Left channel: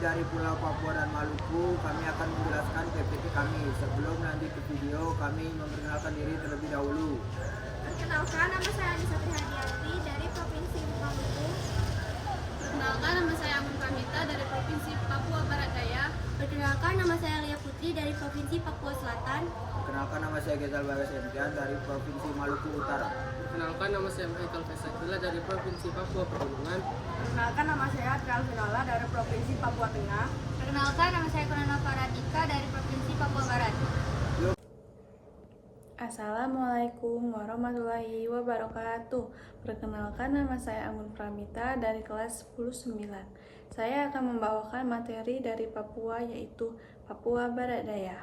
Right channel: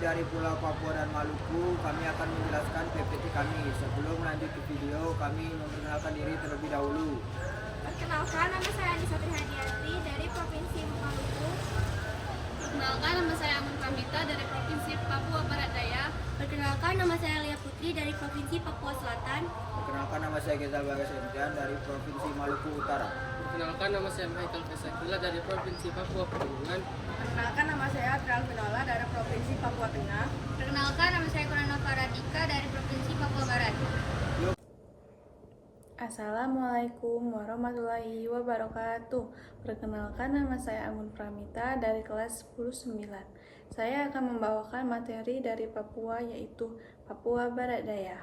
dari Pulau Papua dan Maluku, kami akan menjelaskan PPT kami. Sebelum lanjut ke video, kami memperkenalkan diri terlebih dahulu. Perkenalkan, nama saya Anissa Trihadianti dari Provinsi Maluku. Perkenalkan, nama saya Amun Pramita dari Provinsi Papua Barat Daya. Perkenalkan, nama saya Lia Putri dari Provinsi Papua Selatan. Perkenalkan, nama saya Gezal Bagas Enkian dari Provinsi Maluku Utara. Perkenalkan, nama saya Michael Fesakila dari Provinsi Papua Pegunungan. Perkenalkan, nama saya Adrial Vinola dari Provinsi Papua Tengah. Perkenalkan, nama saya Kurana Faradika dari Provinsi Papua Barat. Assalamualaikum warahmatullahi wabarakatuh. Perkenalkan, nama saya Amun Pramita dari kelas 10-9. Saya akan membawakan materi dari Papua, yaitu Papua Barat Daya.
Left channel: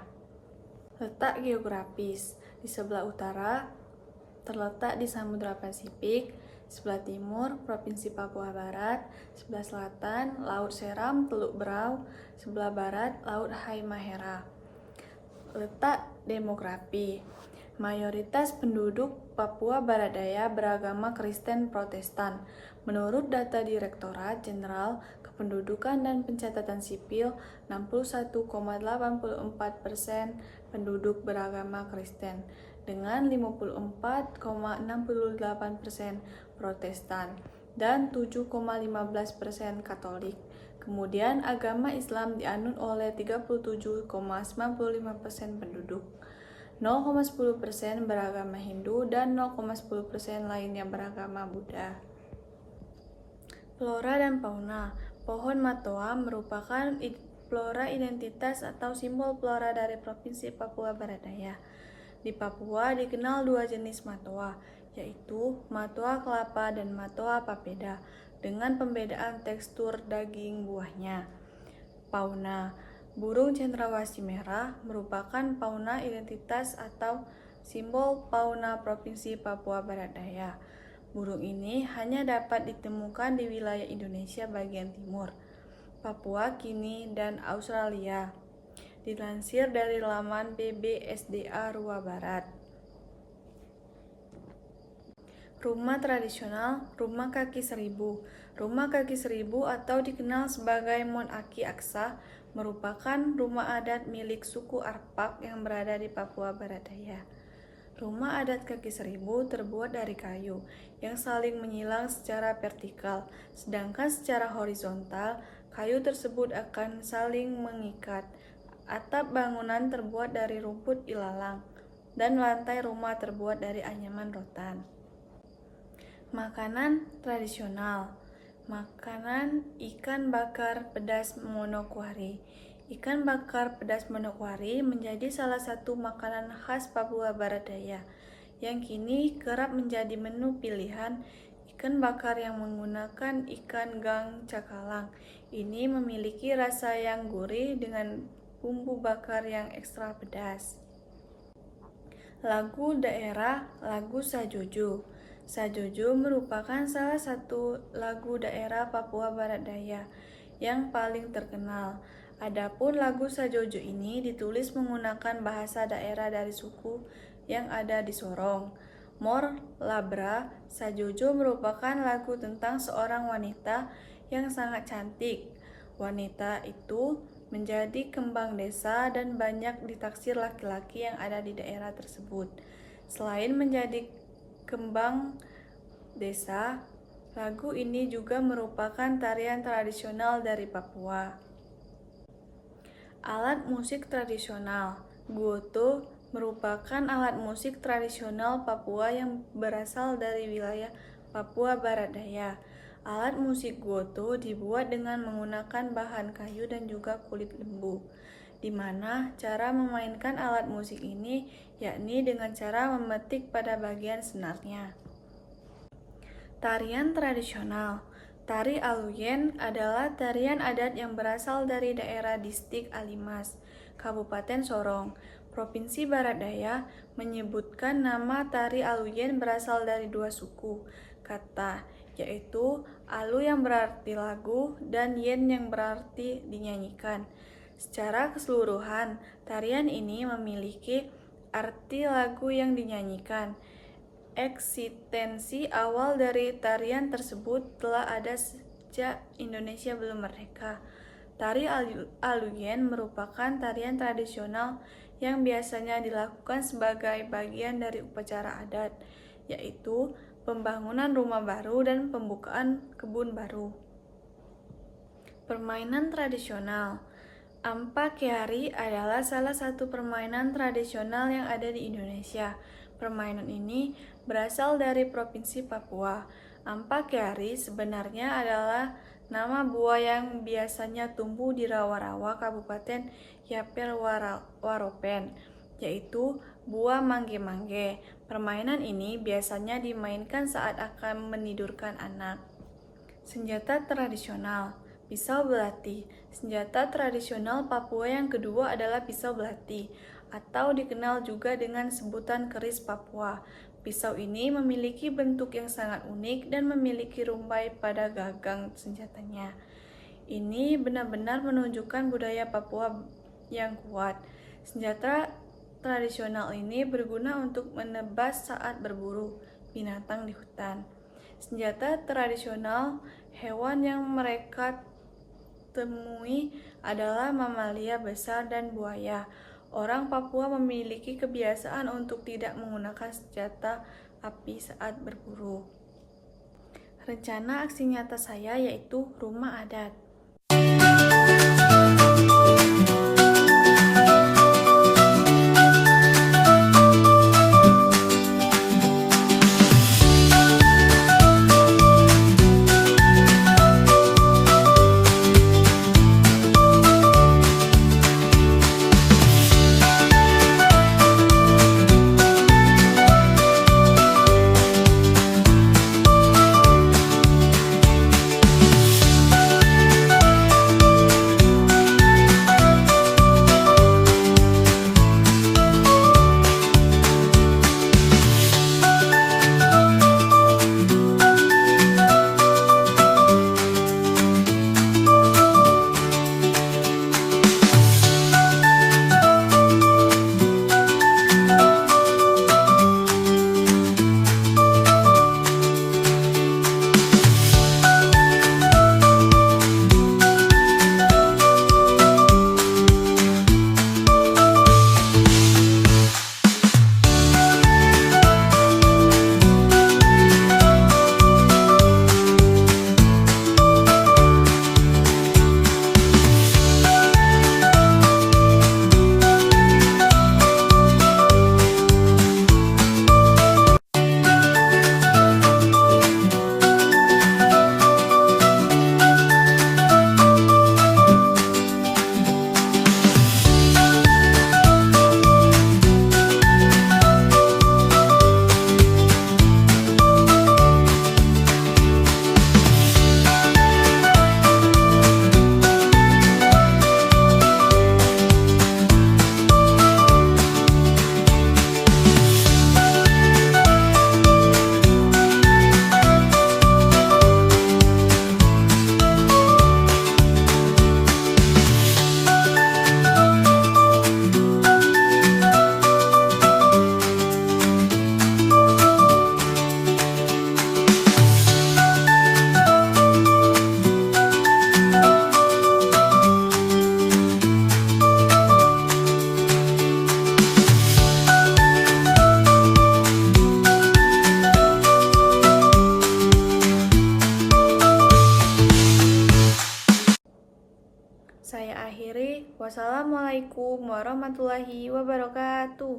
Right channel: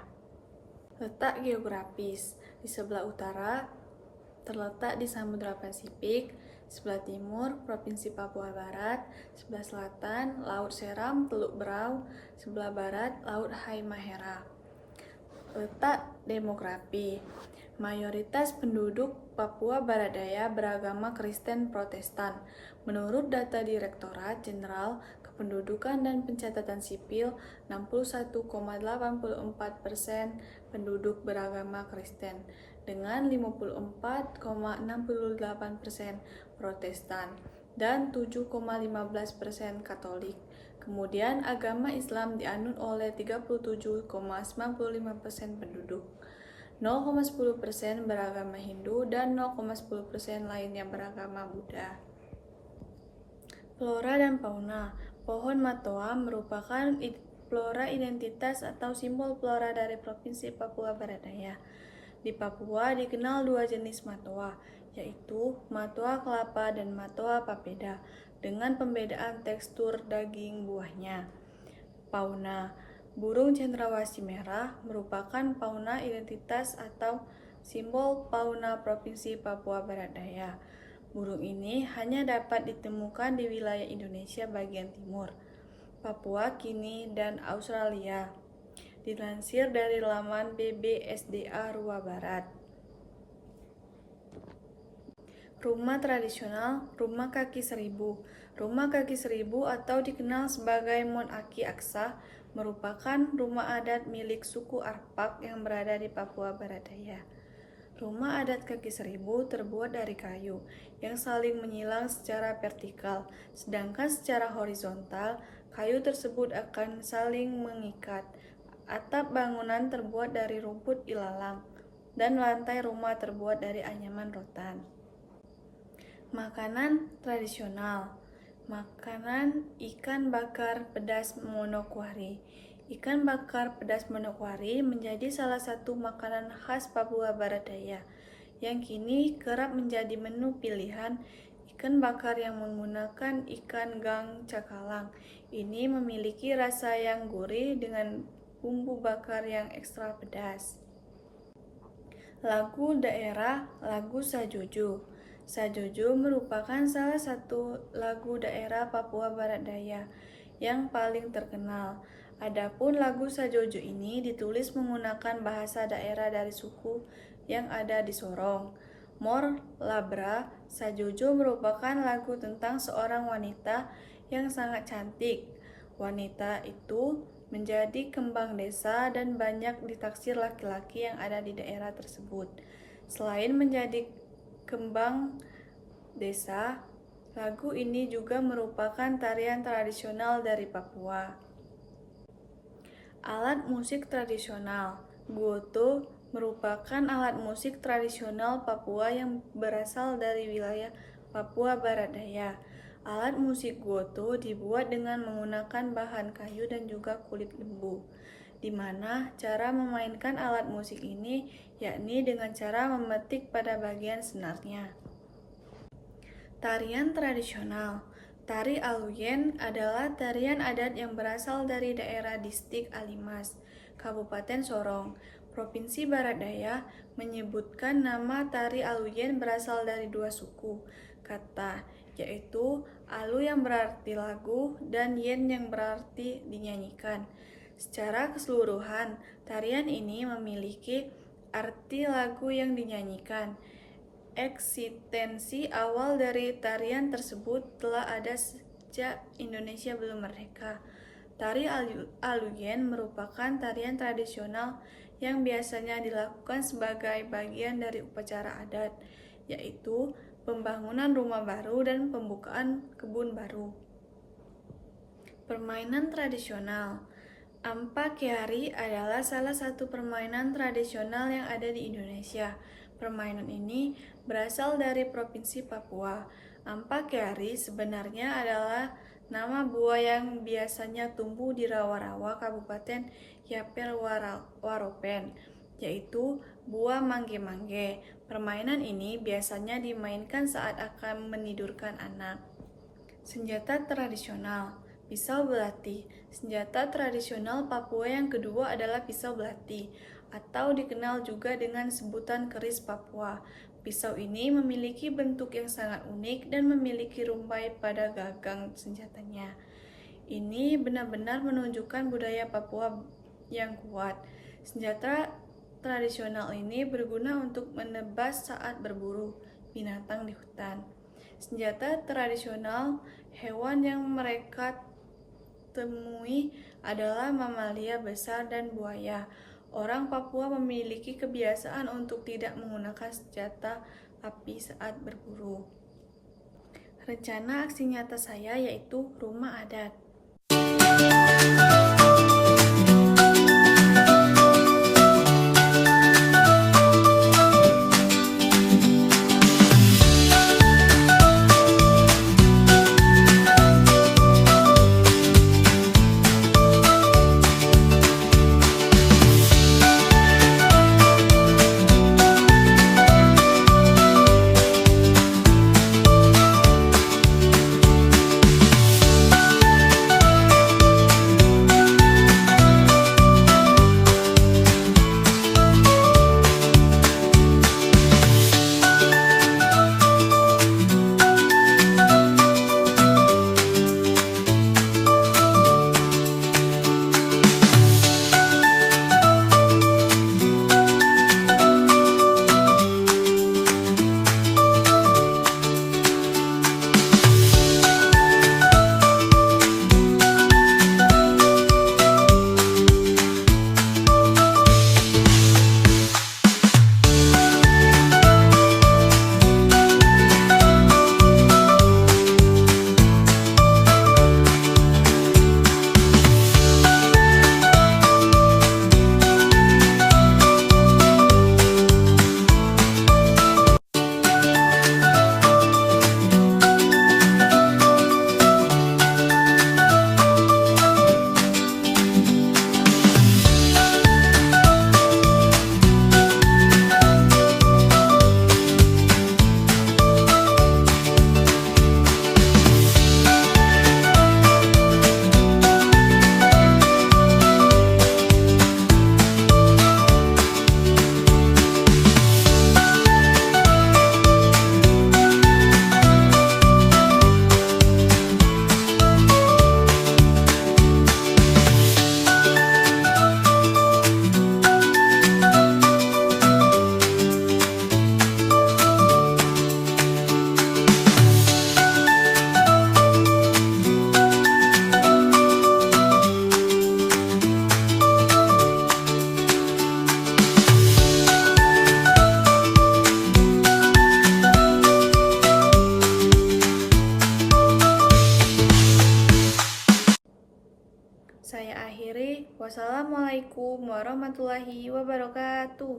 Letak geografis: di sebelah utara terletak di Samudra Pasifik, sebelah timur Provinsi Papua Barat, sebelah selatan Laut Seram Teluk Berau, sebelah barat Laut Halmahera. Letak demografi: mayoritas penduduk Papua Barat Daya beragama Kristen Protestan. Menurut data Direktorat Jenderal Kependudukan dan Pencatatan Sipil, 61,84% penduduk beragama Kristen, dengan 54,68% Protestan dan 7,15% Katolik. Kemudian agama Islam dianut oleh 37,95% penduduk. 0,10% beragama Hindu dan 0,10% lainnya beragama Buddha. Flora dan fauna. Pohon matoa merupakan flora identitas atau simbol flora dari Provinsi Papua Barat Daya. Di Papua dikenal dua jenis matoa, yaitu matoa kelapa dan matoa papeda, dengan pembedaan tekstur daging buahnya. Fauna. Burung cendrawasih merah merupakan fauna identitas atau simbol fauna Provinsi Papua Barat Daya. Burung ini hanya dapat ditemukan di wilayah Indonesia bagian timur, Papua Gini, dan Australia. Dilansir dari laman BBSDA Rua Barat. Rumah tradisional, rumah kaki seribu. Rumah kaki seribu atau dikenal sebagai Mon Aki Aksa merupakan rumah adat milik suku Arpak yang berada di Papua Barat Daya. Rumah adat kaki seribu terbuat dari kayu yang saling menyilang secara vertikal, sedangkan secara horizontal, kayu tersebut akan saling mengikat. Atap bangunan terbuat dari rumput ilalang, dan lantai rumah terbuat dari anyaman rotan. Makanan tradisional. Makanan ikan bakar pedas Manokwari. Ikan bakar pedas Manokwari menjadi salah satu makanan khas Papua Barat Daya, yang kini kerap menjadi menu pilihan. Ikan bakar yang menggunakan ikan gang cakalang ini memiliki rasa yang gurih dengan bumbu bakar yang ekstra pedas. Lagu daerah, lagu Sajojo. Sajojo merupakan salah satu lagu daerah Papua Barat Daya yang paling terkenal. Adapun lagu Sajojo ini ditulis menggunakan bahasa daerah dari suku yang ada di Sorong. Mor Labra. Sajojo merupakan lagu tentang seorang wanita yang sangat cantik. Wanita itu menjadi kembang desa dan banyak ditaksir laki-laki yang ada di daerah tersebut. Selain menjadi kembang desa, lagu ini juga merupakan tarian tradisional dari Papua. Alat musik tradisional. Guoto merupakan alat musik tradisional Papua yang berasal dari wilayah Papua Barat Daya. Alat musik guoto dibuat dengan menggunakan bahan kayu dan juga kulit lembu, di mana cara memainkan alat musik ini yakni dengan cara memetik pada bagian senarnya. Tarian tradisional. Tari Aluyen adalah tarian adat yang berasal dari daerah Distrik Alimas, Kabupaten Sorong, Provinsi Barat Daya. Menyebutkan nama tari Aluyen berasal dari dua suku kata, yaitu Alu yang berarti lagu dan Yen yang berarti dinyanyikan. Secara keseluruhan, tarian ini memiliki arti lagu yang dinyanyikan. Eksistensi awal dari tarian tersebut telah ada sejak Indonesia belum merdeka. Tari Aluyen merupakan tarian tradisional yang biasanya dilakukan sebagai bagian dari upacara adat, yaitu pembangunan rumah baru dan pembukaan kebun baru. Permainan tradisional. Ampak Kyari adalah salah satu permainan tradisional yang ada di Indonesia. Permainan ini berasal dari Provinsi Papua. Ampak Kyari sebenarnya adalah nama buah yang biasanya tumbuh di rawa-rawa Kabupaten Yaper Waropen, yaitu buah mangge-mangge. Permainan ini biasanya dimainkan saat akan menidurkan anak. Senjata tradisional. Pisau belati. Senjata tradisional Papua yang kedua adalah pisau belati, atau dikenal juga dengan sebutan keris Papua. Pisau ini memiliki bentuk yang sangat unik dan memiliki rumbai pada gagang senjatanya. Ini benar-benar menunjukkan budaya Papua yang kuat. Senjata tradisional ini berguna untuk menebas saat berburu binatang di hutan. Senjata tradisional hewan yang mereka temui adalah mamalia besar dan buaya. Orang Papua memiliki kebiasaan untuk tidak menggunakan senjata api saat berburu. Rencana aksi nyata saya yaitu rumah adat. Saya akhiri. Wassalamualaikum warahmatullahi wabarakatuh.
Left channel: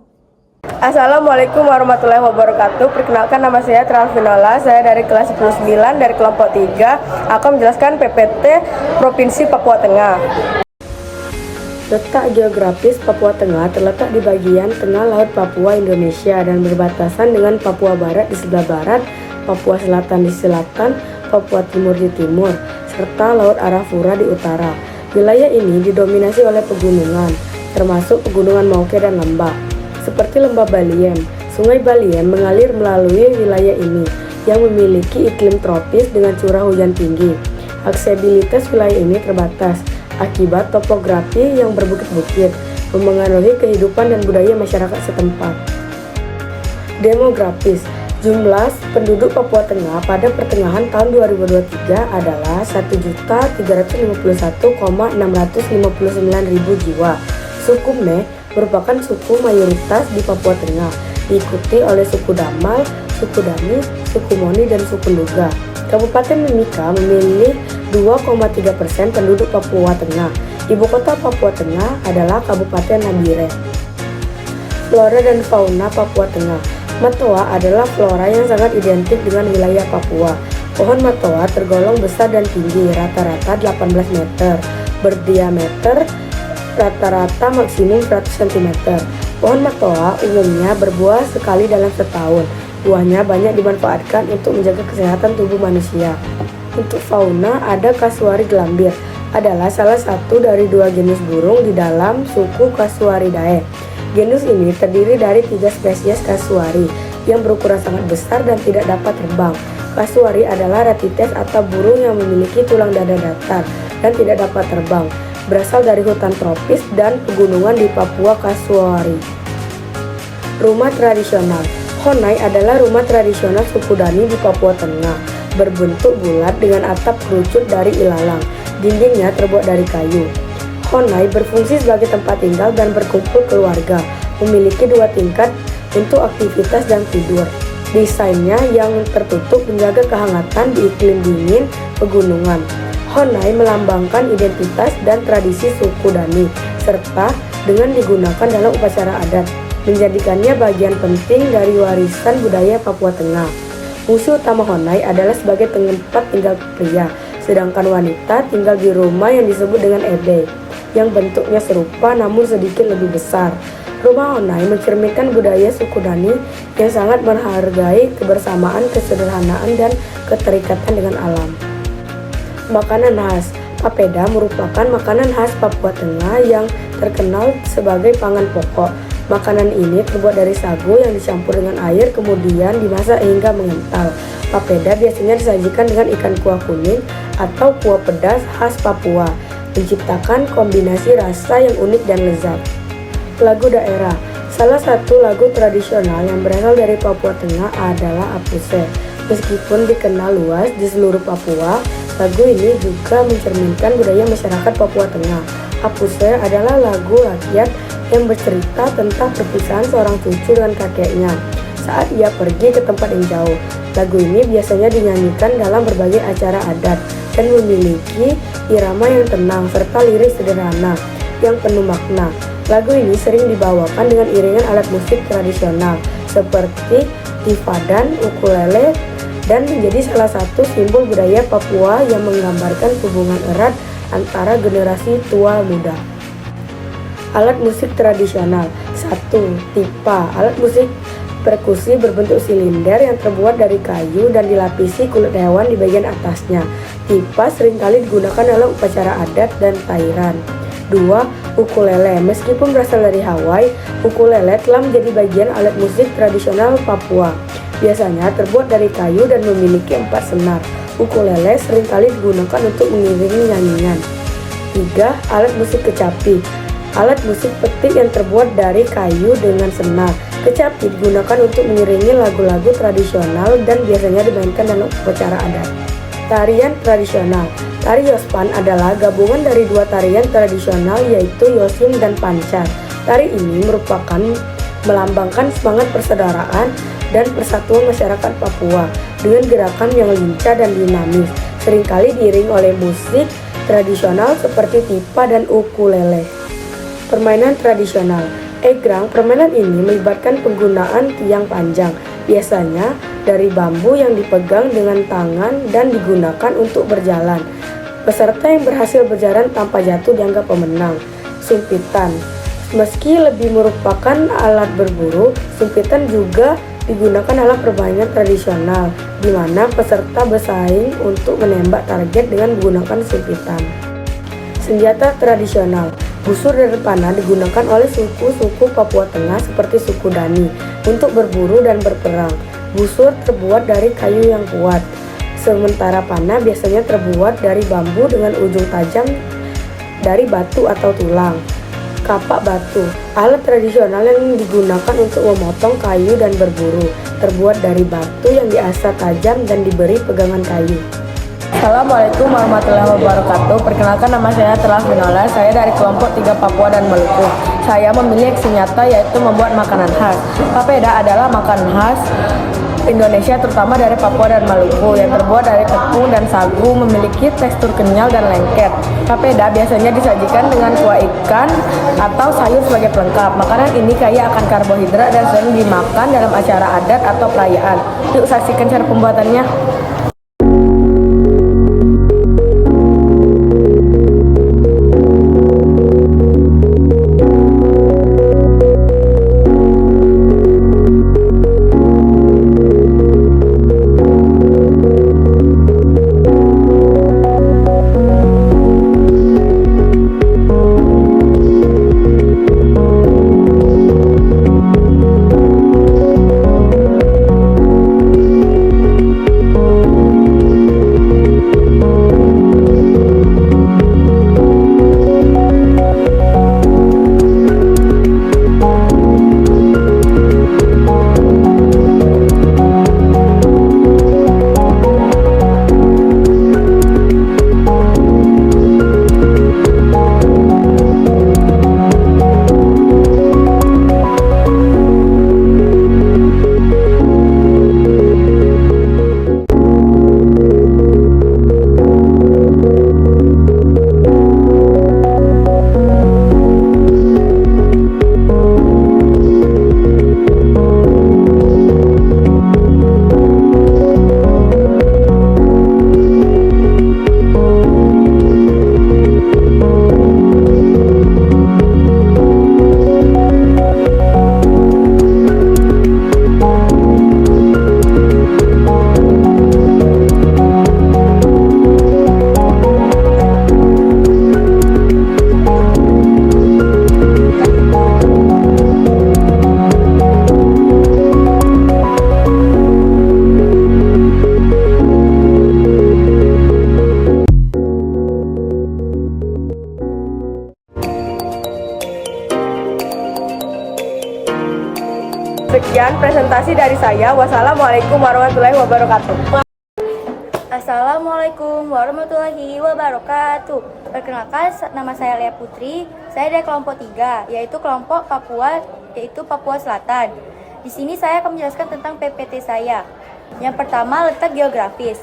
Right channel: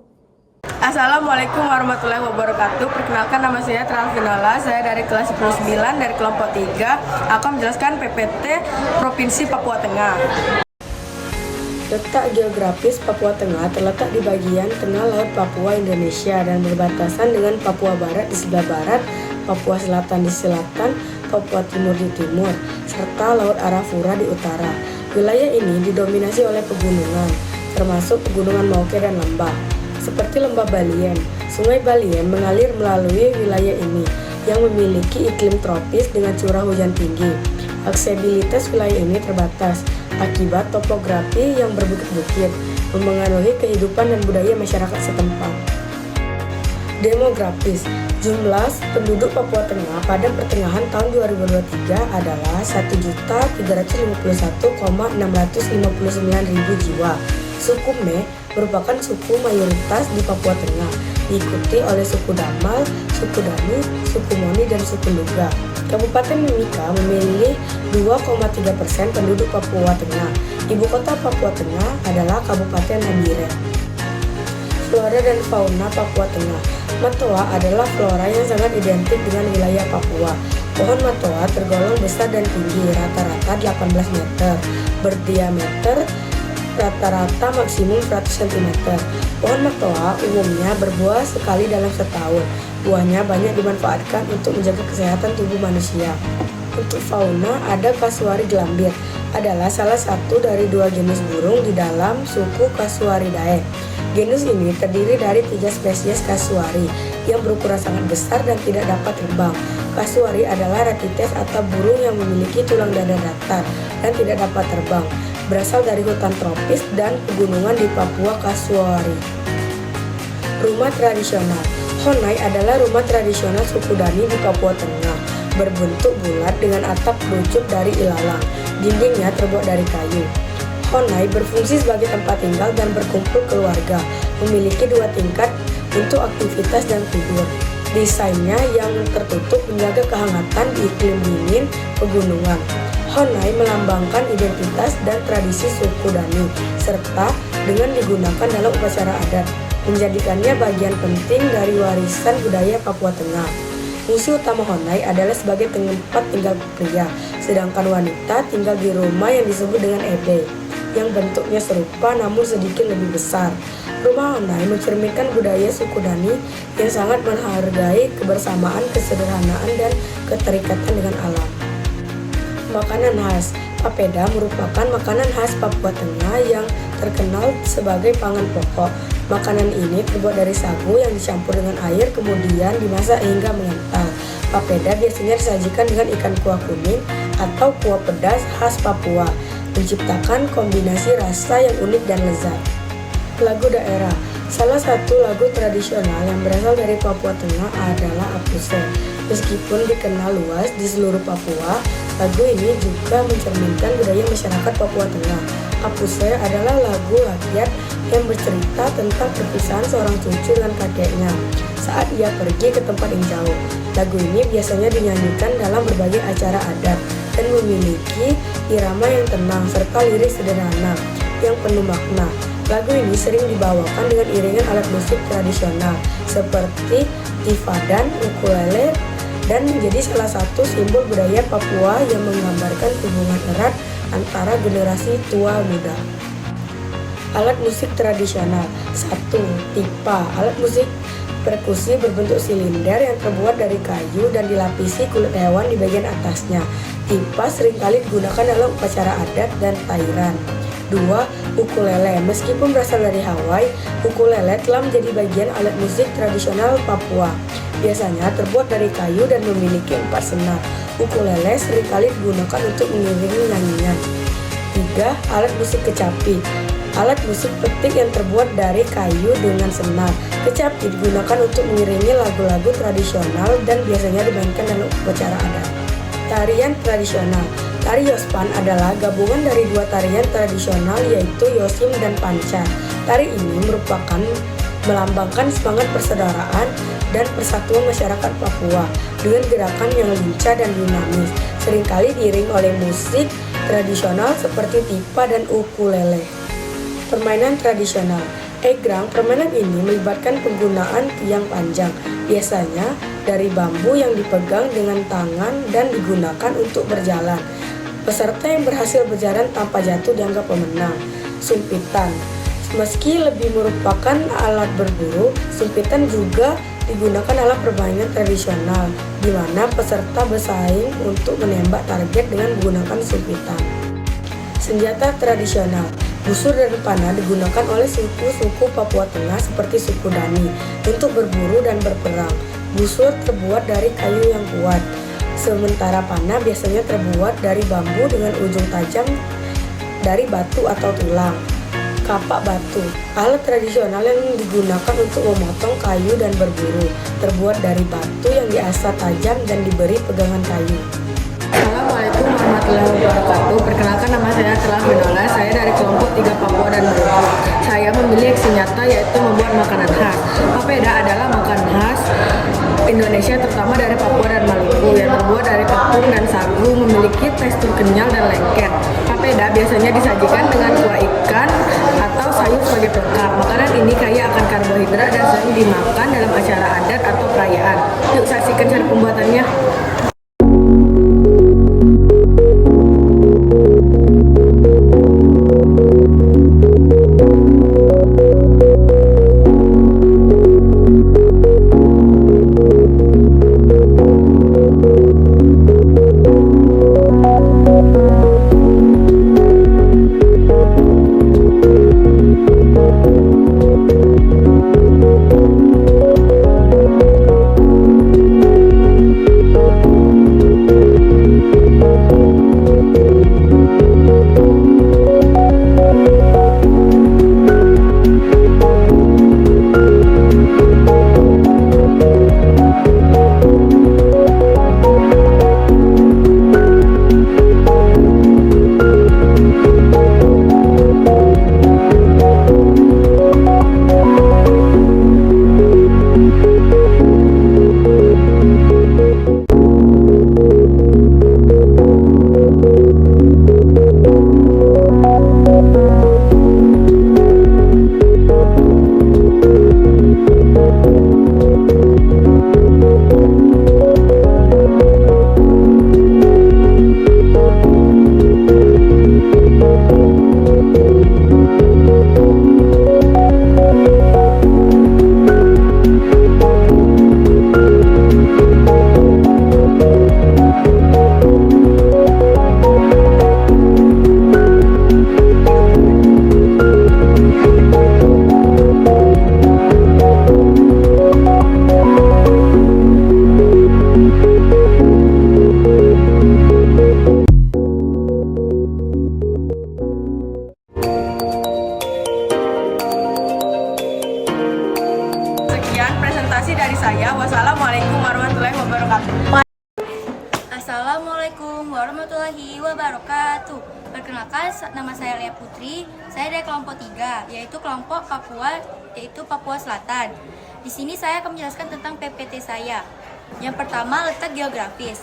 Assalamualaikum warahmatullahi wabarakatuh. Perkenalkan, nama saya Tralvinola. Saya dari kelas 9 dari kelompok 3 akan menjelaskan PPT Provinsi Papua Tengah. Letak geografis Papua Tengah terletak di bagian tengah Laut Papua Indonesia dan berbatasan dengan Papua Barat di sebelah barat, Papua Selatan di selatan, Papua Timur di timur, serta Laut Arafura di utara. Wilayah ini didominasi oleh pegunungan, termasuk pegunungan Mauke dan lembah. Seperti lembah Baliem, Sungai Baliem mengalir melalui wilayah ini yang memiliki iklim tropis dengan curah hujan tinggi. Aksesibilitas wilayah ini terbatas akibat topografi yang berbukit-bukit, mempengaruhi kehidupan dan budaya masyarakat setempat. Demografis, Jumlah penduduk Papua Tengah pada pertengahan tahun 2023 adalah 1.351.659.000 jiwa. Suku Me merupakan suku mayoritas di Papua Tengah, diikuti oleh suku Damal, suku Dani, suku Moni, dan suku Nduga. Kabupaten Mimika memilih 2,3% penduduk Papua Tengah. Ibu kota Papua Tengah adalah Kabupaten Nabire. Flora dan fauna Papua Tengah. Matoa adalah flora yang sangat identik dengan wilayah Papua. Pohon matoa tergolong besar dan tinggi, rata-rata 18 meter, berdiameter rata-rata maksimum 100 cm. Pohon matoa umumnya berbuah sekali dalam setahun. Buahnya banyak dimanfaatkan untuk menjaga kesehatan tubuh manusia. Untuk fauna, ada kasuari gelambir, adalah salah satu dari 2 genus burung di dalam suku Casuaridae. Genus ini terdiri dari 3 spesies kasuari yang berukuran sangat besar dan tidak dapat terbang. Kasuari adalah ratites atau burung yang memiliki tulang dada datar dan tidak dapat terbang. Berasal dari hutan tropis dan pegunungan di Papua Kasuari. Rumah tradisional. Honai adalah rumah tradisional suku Dani di Papua Tengah, berbentuk bulat dengan atap kerucut dari ilalang. Dindingnya terbuat dari kayu. Honai berfungsi sebagai tempat tinggal dan berkumpul keluarga, memiliki 2 tingkat untuk aktivitas dan tidur. Desainnya yang tertutup menjaga kehangatan di iklim dingin pegunungan. Honai melambangkan identitas dan tradisi suku Dani, serta dengan digunakan dalam upacara adat, menjadikannya bagian penting dari warisan budaya Papua Tengah. Fungsi utama Honai adalah sebagai tempat tinggal pria, sedangkan wanita tinggal di rumah yang disebut dengan ebe, yang bentuknya serupa namun sedikit lebih besar. Rumah Honai mencerminkan budaya suku Dani yang sangat menghargai kebersamaan, kesederhanaan, dan keterikatan dengan alam. Makanan khas. Papeda merupakan makanan khas Papua Tengah yang terkenal sebagai pangan pokok. Makanan ini terbuat dari sagu yang dicampur dengan air kemudian dimasak hingga mengental. Papeda biasanya disajikan dengan ikan kuah kuning atau kuah pedas khas Papua, menciptakan kombinasi rasa yang unik dan lezat. Lagu daerah. Salah satu lagu tradisional yang berasal dari Papua Tengah adalah Apuse. Meskipun dikenal luas di seluruh Papua, lagu ini juga mencerminkan budaya masyarakat Papua Tengah. Apuse adalah lagu rakyat yang bercerita tentang perpisahan seorang cucu dengan kakeknya saat ia pergi ke tempat yang jauh. Lagu ini biasanya dinyanyikan dalam berbagai acara adat dan memiliki irama yang tenang serta lirik sederhana yang penuh makna. Lagu ini sering dibawakan dengan iringan alat musik tradisional seperti tifadan, ukulele, dan menjadi salah satu simbol budaya Papua yang menggambarkan hubungan erat antara generasi tua muda. Alat musik tradisional. 1. Tipa. Alat musik perkusi berbentuk silinder yang terbuat dari kayu dan dilapisi kulit hewan di bagian atasnya. Tipa seringkali digunakan dalam upacara adat dan tairan. 2. Ukulele. Meskipun berasal dari Hawaii, ukulele telah menjadi bagian alat musik tradisional Papua. Biasanya terbuat dari kayu dan memiliki 4 senar. Ukulele seringkali digunakan untuk mengiringi nyanyian. 3. Alat musik kecapi. Alat musik petik yang terbuat dari kayu dengan senar. Kecapi digunakan untuk mengiringi lagu-lagu tradisional dan biasanya dimainkan dalam upacara adat. Tarian tradisional. Tari Yospan adalah gabungan dari 2 tarian tradisional yaitu Yosim dan Pancar. Tari ini merupakan melambangkan semangat persaudaraan dan persatuan masyarakat Papua dengan gerakan yang lincah dan dinamis, seringkali diiring oleh musik tradisional seperti tipa dan ukulele. Permainan tradisional. Egrang, permainan ini melibatkan penggunaan tiang panjang, biasanya dari bambu yang dipegang dengan tangan dan digunakan untuk berjalan. Peserta yang berhasil berjalan tanpa jatuh dianggap pemenang. Sumpitan. Meski lebih merupakan alat berburu, sumpitan juga digunakan dalam permainan tradisional, di mana peserta bersaing untuk menembak target dengan menggunakan sumpitan. Senjata tradisional. Busur dan panah digunakan oleh suku-suku Papua Tengah seperti suku Dani untuk berburu dan berperang. Busur terbuat dari kayu yang kuat, sementara panah biasanya terbuat dari bambu dengan ujung tajam dari batu atau tulang. kapak batu, alat tradisional yang digunakan untuk memotong kayu dan berburu, terbuat dari batu yang diasah tajam dan diberi pegangan kayu. Assalamualaikum warahmatullahi wabarakatuh. Perkenalkan, nama saya Telah Vinola. Saya dari kelompok 3 Papua dan Maluku. Saya memilih aksi nyata yaitu membuat makanan khas. Papeda adalah makanan khas Indonesia, terutama dari Papua dan Maluku, yang terbuat dari tepung dan sagu, memiliki tekstur kenyal dan lengket. Papeda biasanya disajikan dengan kuah ikan atau sayur sebagai pelengkap. Makanan ini kaya akan karbohidrat dan sering dimakan dalam acara adat atau perayaan. Yuk saksikan cara pembuatannya. Sekian presentasi dari saya. Wassalamualaikum warahmatullahi wabarakatuh. Assalamualaikum warahmatullahi wabarakatuh. Perkenalkan, nama saya Lea Putri. Saya dari kelompok 3, yaitu kelompok Papua, yaitu Papua Selatan. Di sini saya akan menjelaskan tentang PPT saya. Yang pertama, letak geografis.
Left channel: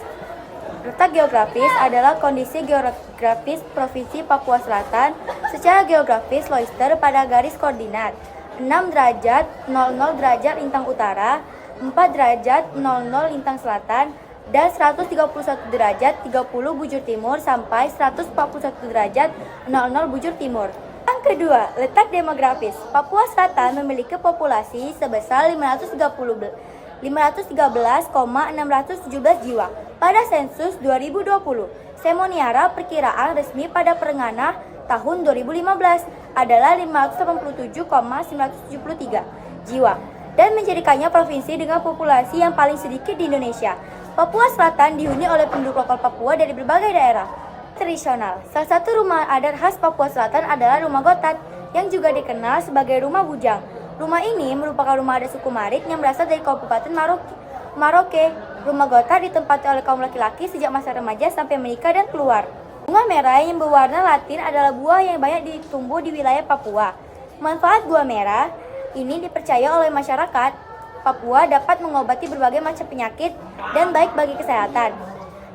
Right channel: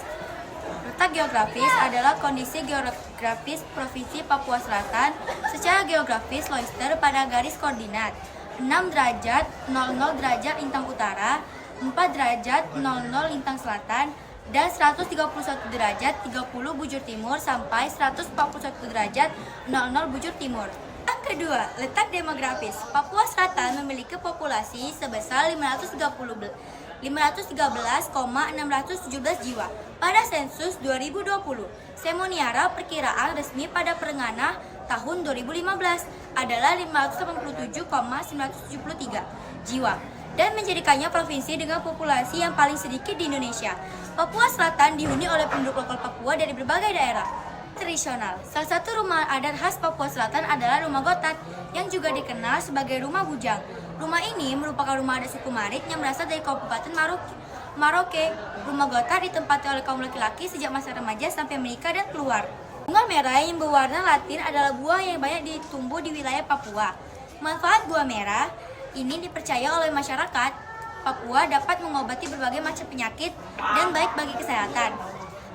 Letak geografis adalah kondisi geografis Provinsi Papua Selatan. Secara geografis, Loister pada garis koordinat 6 derajat 00 derajat lintang utara, 4 derajat 00 lintang selatan, dan 131 derajat 30 bujur timur sampai 141 derajat 00 bujur timur. Yang kedua, letak demografis. Papua Selatan memiliki populasi sebesar 513,617 jiwa pada sensus 2020. Semoniara perkiraan resmi pada pertengahan tahun 2015 adalah 587,973 jiwa dan menjadikannya provinsi dengan populasi yang paling sedikit di Indonesia. Papua Selatan dihuni oleh penduduk lokal Papua dari berbagai daerah. Tradisional. Salah satu rumah adat khas Papua Selatan adalah Rumah Gotat yang juga dikenal sebagai Rumah Bujang. Rumah ini merupakan rumah adat suku Marit yang berasal dari Kabupaten Maroke. Rumah Gotat ditempati oleh kaum laki-laki sejak masa remaja sampai menikah dan keluar. Bunga merah yang berwarna latin adalah buah yang banyak ditumbuh di wilayah Papua. Manfaat buah merah ini dipercaya oleh masyarakat Papua dapat mengobati berbagai macam penyakit dan baik bagi kesehatan.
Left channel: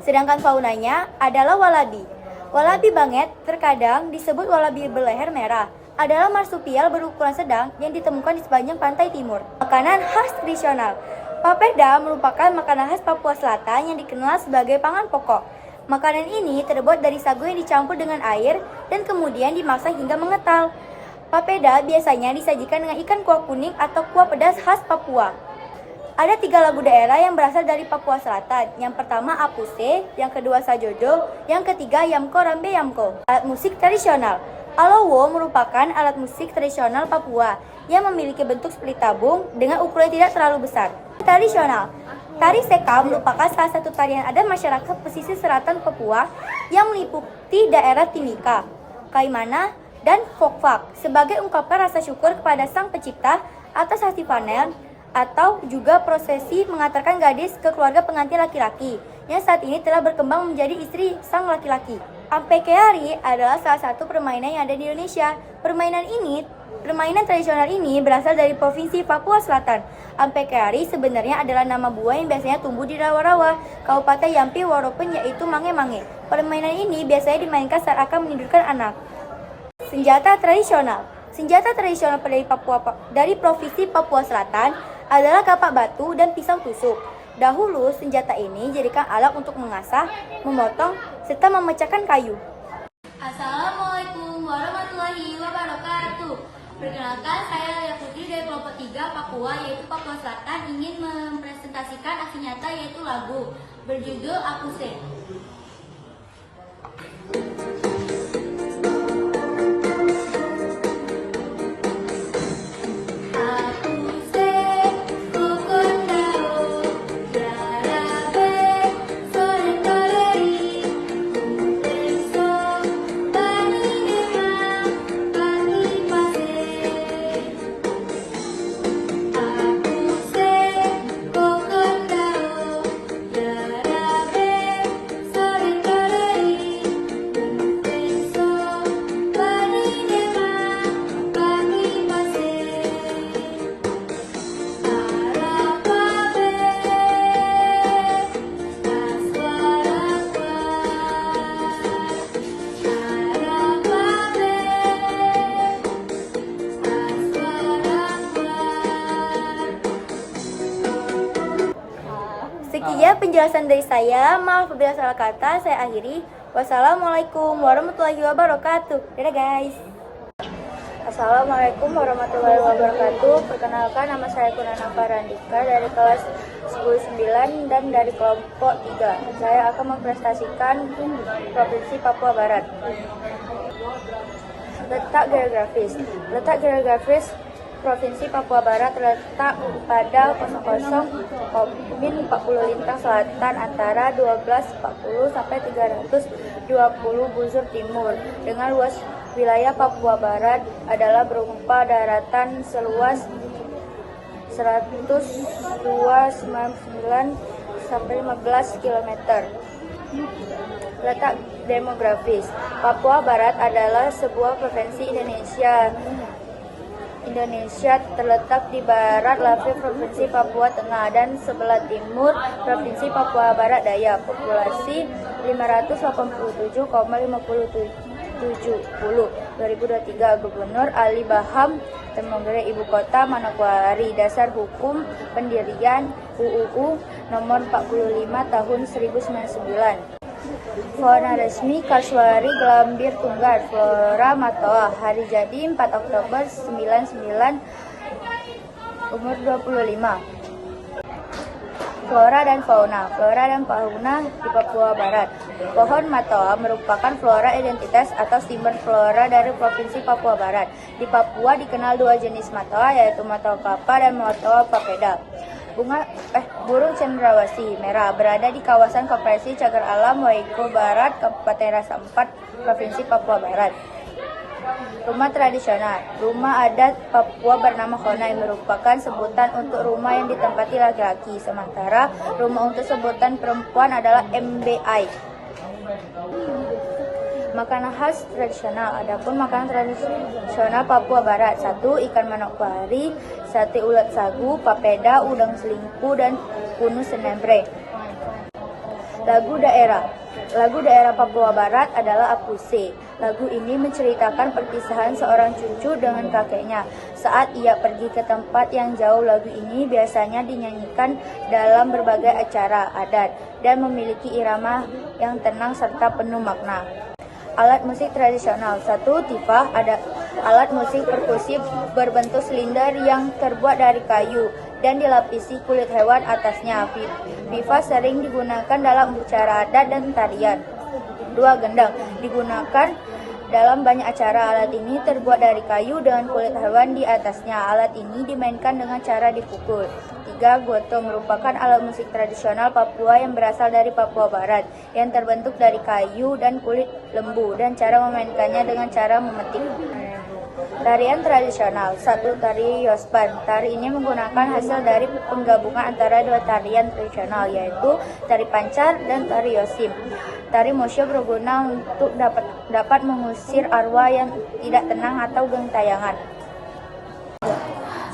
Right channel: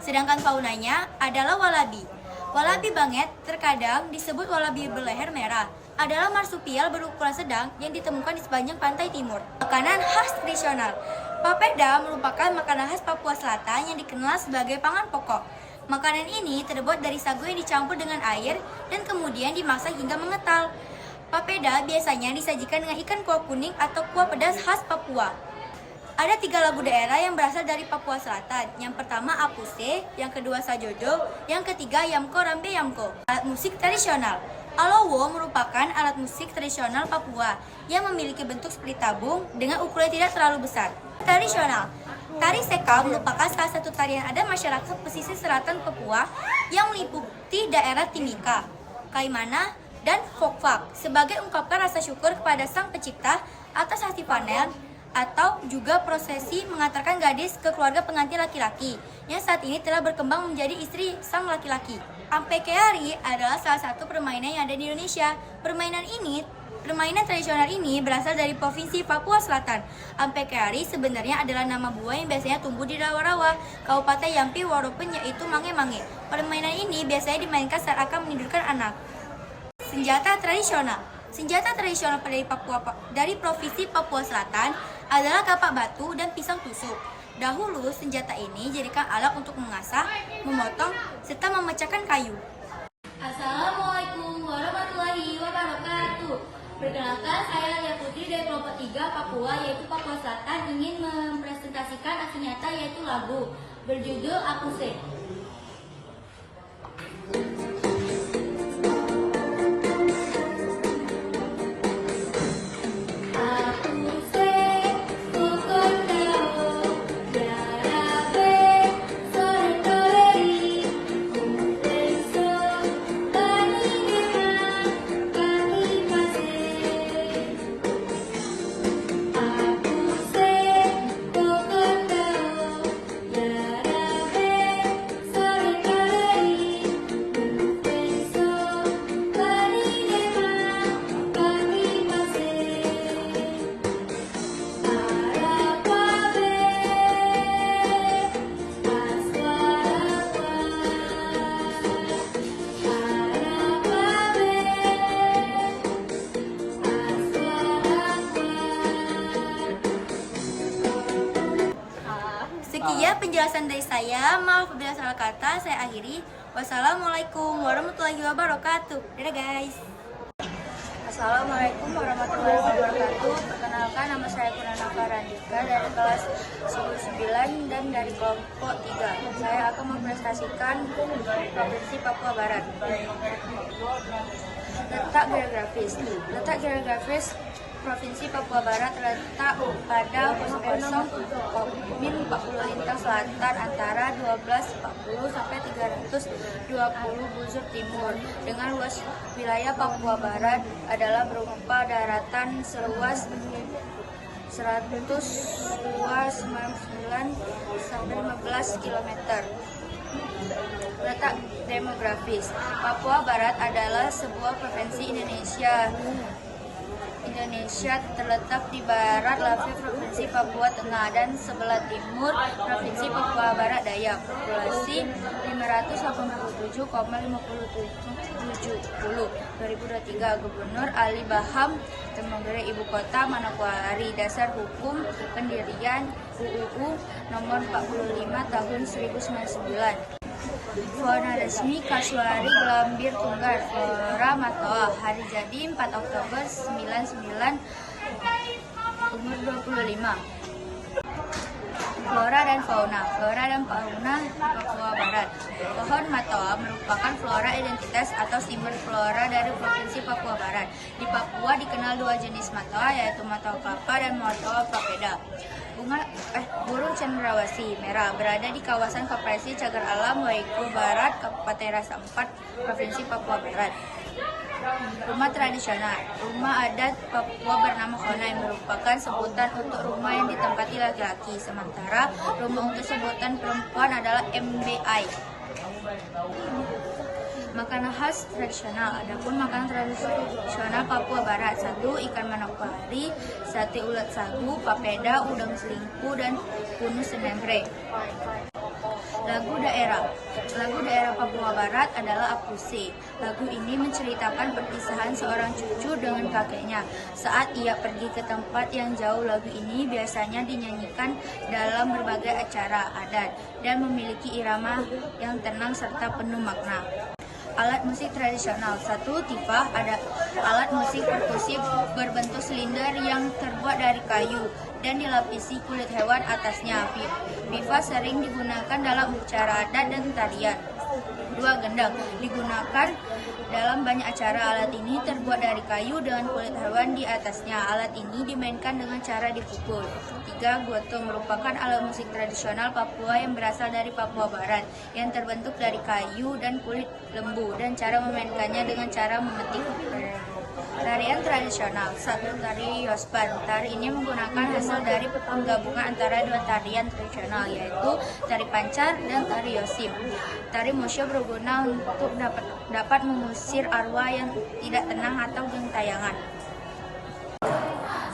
Sedangkan faunanya adalah walabi. Walabi banget, terkadang disebut walabi berleher merah, adalah marsupial berukuran sedang yang ditemukan di sepanjang pantai timur. Makanan khas tradisional. Papeda merupakan makanan khas Papua Selatan yang dikenal sebagai pangan pokok. Makanan ini terbuat dari sagu yang dicampur dengan air dan kemudian dimasak hingga mengental. Papeda biasanya disajikan dengan ikan kuah kuning atau kuah pedas khas Papua. Ada 3 lagu daerah yang berasal dari Papua Selatan. Yang pertama Apuse, yang kedua Sajodo, yang ketiga Yamko Rambe Yamko. Alat musik tradisional. Alowo merupakan alat musik tradisional Papua yang memiliki bentuk seperti tabung dengan ukuran tidak terlalu besar. Tradisional. Tari Seka merupakan salah satu tarian adat masyarakat pesisir selatan Papua yang meliputi daerah Timika, Kaimana, dan fok-fak sebagai ungkapan rasa syukur kepada Sang Pencipta atas hasil panen, atau juga prosesi mengantarkan gadis ke keluarga pengantin laki-laki yang saat ini telah berkembang menjadi istri sang laki-laki. Ampekeari adalah salah satu permainan yang ada di Indonesia. Permainan tradisional ini berasal dari Provinsi Papua Selatan. Ampekeari sebenarnya adalah nama buah yang biasanya tumbuh di rawa-rawa Kabupaten Yampi Woropen, yaitu mange-mange. Permainan ini biasanya dimainkan saat akan menidurkan anak. Senjata tradisional dari Provinsi Papua Selatan adalah kapak batu dan pisau tusuk. Dahulu, senjata ini dijadikan alat untuk mengasah, memotong, serta memecahkan kayu. Assalamualaikum warahmatullahi wabarakatuh. Perkenalkan, saya Lia Putri dari kelompok 3 Papua, yaitu Papua Selatan, ingin mempresentasikan aksi nyata yaitu lagu berjudul Aku Se. Sekian penjelasan dari saya. Maaf apabila salah kata. Saya akhiri. Wassalamualaikum warahmatullahi wabarakatuh. Dadah guys. Assalamualaikum warahmatullahi wabarakatuh. Perkenalkan, nama saya Kunana Farandika dari kelas 10-9 dan dari kelompok 3. Saya akan mempresentasikan Provinsi Papua Barat. Letak geografis Provinsi Papua Barat terletak pada 00,40 lintang selatan antara 1240 sampai 320 bujur timur. Dengan luas wilayah Papua Barat adalah berupa daratan seluas 102,99 sampai 15 km. Letak demografis, Papua Barat adalah sebuah provinsi Indonesia terletak di barat lavi Provinsi Papua Tengah dan sebelah timur Provinsi Papua Barat Daya. Populasi 587,570. 2023. Gubernur Ali Baham Temengere. Ibu kota Manokwari. Dasar hukum pendirian UUU nomor 45 tahun 1999. Fauna resmi Kasuari Gelambir Tunggar. Flora Matoa. Hari jadi 4 Oktober 99. Umur 25. Flora dan fauna di Papua Barat. Pohon Matoa merupakan flora identitas atau sumber flora dari Provinsi Papua Barat. Di Papua dikenal dua jenis Matoa, yaitu Matoa kelapa dan Matoa papeda. Burung cendrawasih merah berada di kawasan Koperasi Cagar Alam Waigul Barat, Kabupaten Rasa 4, Provinsi Papua Barat. Rumah tradisional. Rumah adat Papua bernama Khonai merupakan sebutan untuk rumah yang ditempati laki-laki, sementara rumah untuk sebutan perempuan adalah MBI. Makanan khas tradisional. Adapun makanan tradisional Papua Barat: 1. Ikan manokwari, sate ulat sagu, papeda, udang selingkuh, dan kunu senembre. Lagu daerah Papua Barat adalah Aku Se. Lagu ini menceritakan perpisahan seorang cucu dengan kakeknya saat ia pergi ke tempat yang jauh. Lagu ini biasanya dinyanyikan dalam berbagai acara adat dan memiliki irama yang tenang serta penuh makna. Alat musik tradisional. 1. Tifah, ada alat musik perkusi berbentuk silinder yang terbuat dari kayu dan dilapisi kulit hewan atasnya. Pipa sering digunakan dalam upacara adat dan tarian. 2. Gendang, digunakan dalam banyak acara. Alat ini terbuat dari kayu dengan kulit hewan di atasnya. Alat ini dimainkan dengan cara dipukul. 3. Goto merupakan alat musik tradisional Papua yang berasal dari Papua Barat, yang terbentuk dari kayu dan kulit lembu, dan cara memainkannya dengan cara memetik. Tarian tradisional. 1. Tari Yosban. Tari ini menggunakan hasil dari penggabungan antara dua tarian tradisional, yaitu tari pancar dan tari yosim. Tari mosyo berguna untuk dapat mengusir arwah yang tidak tenang atau gentayangan.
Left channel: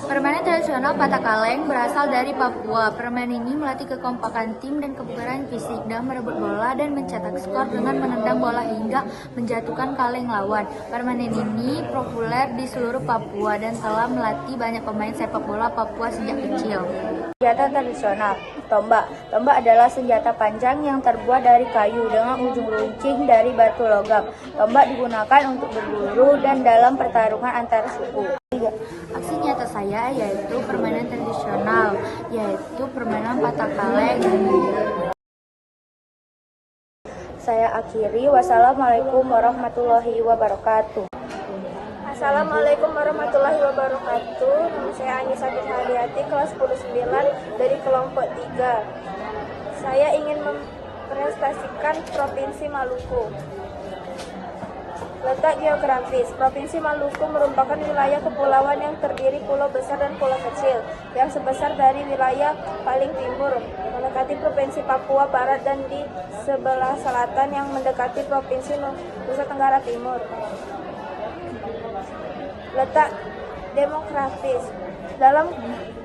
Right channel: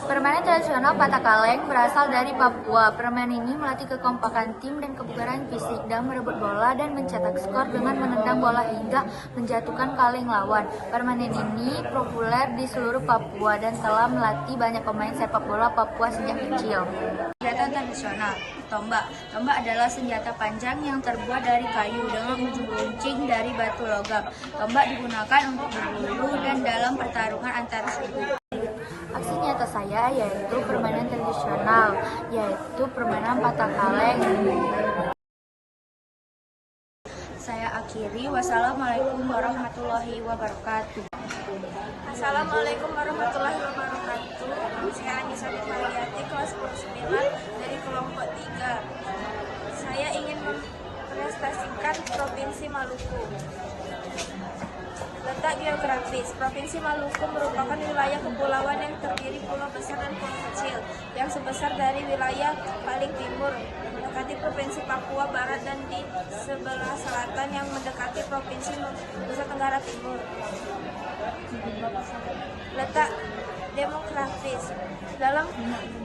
Permainan tradisional Patak Kaleng berasal dari Papua. Permainan ini melatih kekompakan tim dan kebugaran fisik dalam merebut bola dan mencetak skor dengan menendang bola hingga menjatuhkan kaleng lawan. Permainan ini populer di seluruh Papua dan telah melatih banyak pemain sepak bola Papua sejak kecil. Senjata tradisional. Tombak. Tombak adalah senjata panjang yang terbuat dari kayu dengan ujung runcing dari batu logam. Tombak digunakan untuk berburu dan dalam pertarungan antar suku. Aksi nyata saya yaitu permainan tradisional, yaitu permainan Patak Kaleng. Saya akhiri. Wassalamualaikum warahmatullahi wabarakatuh. Assalamualaikum warahmatullahi wabarakatuh. Nama saya Anissa Firhadiati, kelas 10-9 dari kelompok 3. Saya ingin mempresentasikan Provinsi Maluku. Letak geografis. Provinsi Maluku merupakan wilayah kepulauan yang terdiri pulau besar dan pulau kecil, yang sebesar dari wilayah paling timur mendekati Provinsi Papua Barat dan di sebelah selatan yang mendekati Provinsi Nusa Tenggara Timur. Letak demografis. Dalam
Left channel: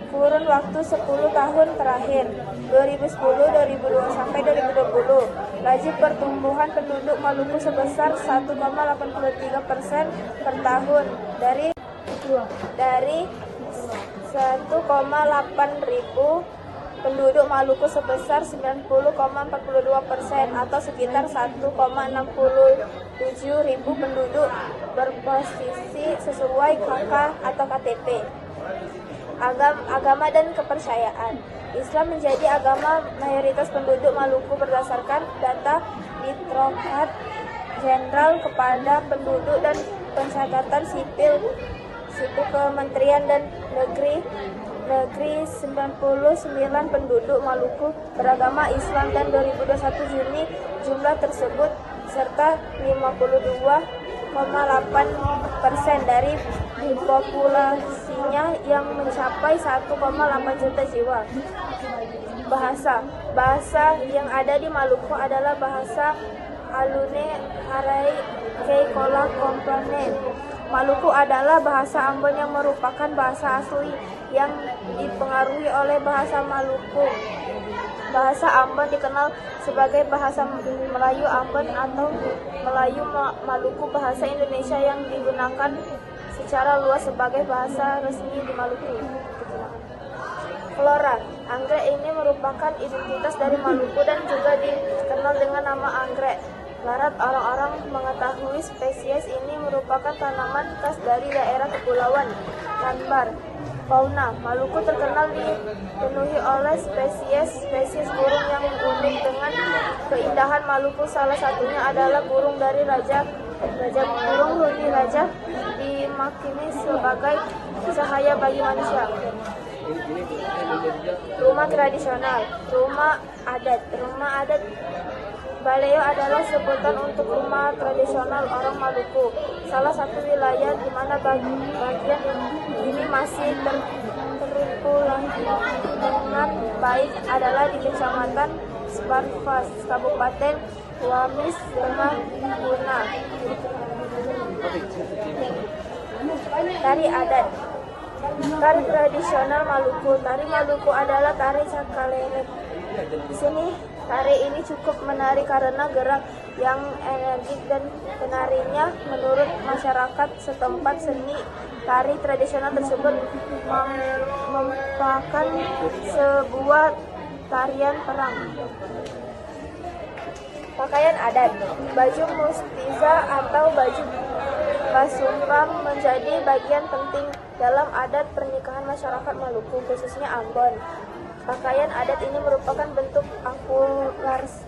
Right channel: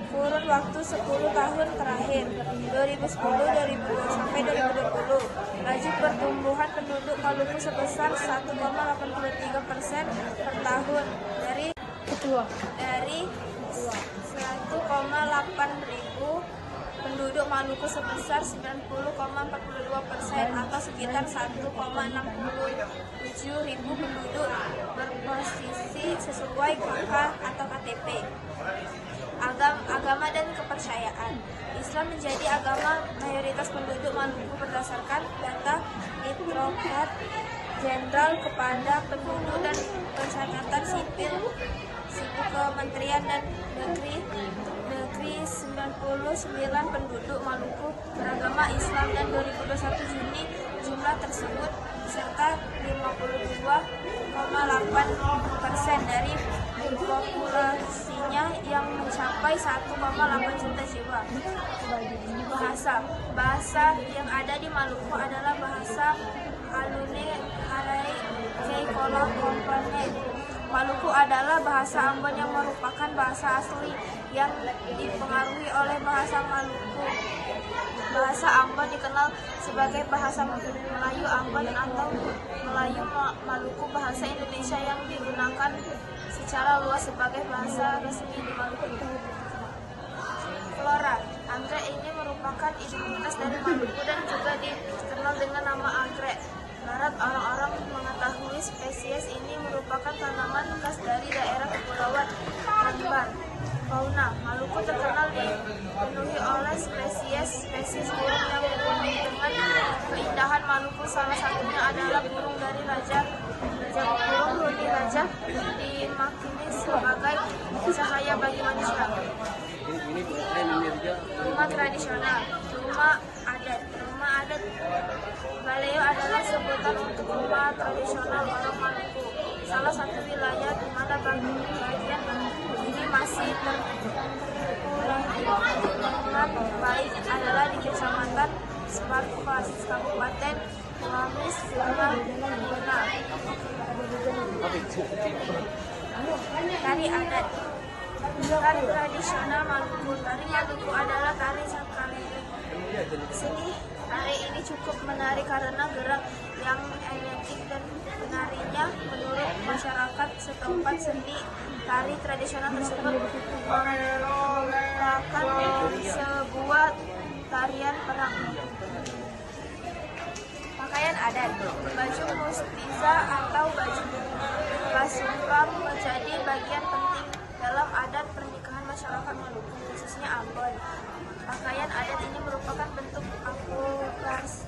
kurun waktu 10 tahun terakhir 2010-2020 sampai 2020, laju pertumbuhan penduduk Maluku sebesar 1,83% per tahun dari 1,8 ribu penduduk Maluku sebesar 90,42% atau sekitar 1,67 ribu penduduk berposisi sesuai KK atau KTP. Agama dan kepercayaan. Islam menjadi agama mayoritas penduduk Maluku berdasarkan data Direktorat Jenderal kepada Penduduk dan Pencatatan Sipil Kementerian dan Negeri 99 penduduk Maluku beragama Islam dan 2021 Juni jumlah tersebut serta 52,8% dari populasinya yang mencapai 1,8 juta jiwa. Bahasa yang ada di Maluku adalah bahasa Alune Harai Keikola Komponen. Maluku adalah bahasa Ambon yang merupakan bahasa asli yang dipengaruhi oleh bahasa Maluku. Bahasa Ambon dikenal sebagai bahasa Melayu Ambon atau Melayu Maluku, bahasa Indonesia yang digunakan secara luas sebagai bahasa resmi di Maluku. Flora. Anggrek ini merupakan identitas dari Maluku dan juga dikenal dengan nama anggrek. Larat orang-orang mengetahui spesies ini merupakan tanaman khas dari daerah kepulauan Tanbar. Fauna. Maluku terkenal dipenuhi oleh spesies burung yang unik dengan keindahan Maluku. Salah satunya adalah burung dari Raja burung Huni Raja dimakini sebagai cahaya bagi manusia. Rumah tradisional. Rumah adat. Rumah adat Baleo adalah sebutan untuk rumah tradisional orang Maluku. Salah satu wilayah di mana bagian ini masih terpulang dengan baik adalah di Kecamatan Sparfas, Kabupaten Wamis, Tengah Guna. Tari adat. Tari tradisional Maluku. Tari Maluku adalah tari sakalele. Di sini tari ini cukup menarik karena gerak yang energik dan penarinya menurut masyarakat setempat. Seni tari tradisional tersebut merupakan sebuah tarian perang. Pakaian adat. Baju mustiza atau baju kasumpang menjadi bagian penting dalam adat pernikahan masyarakat Maluku, khususnya Ambon. Pakaian adat ini merupakan bentuk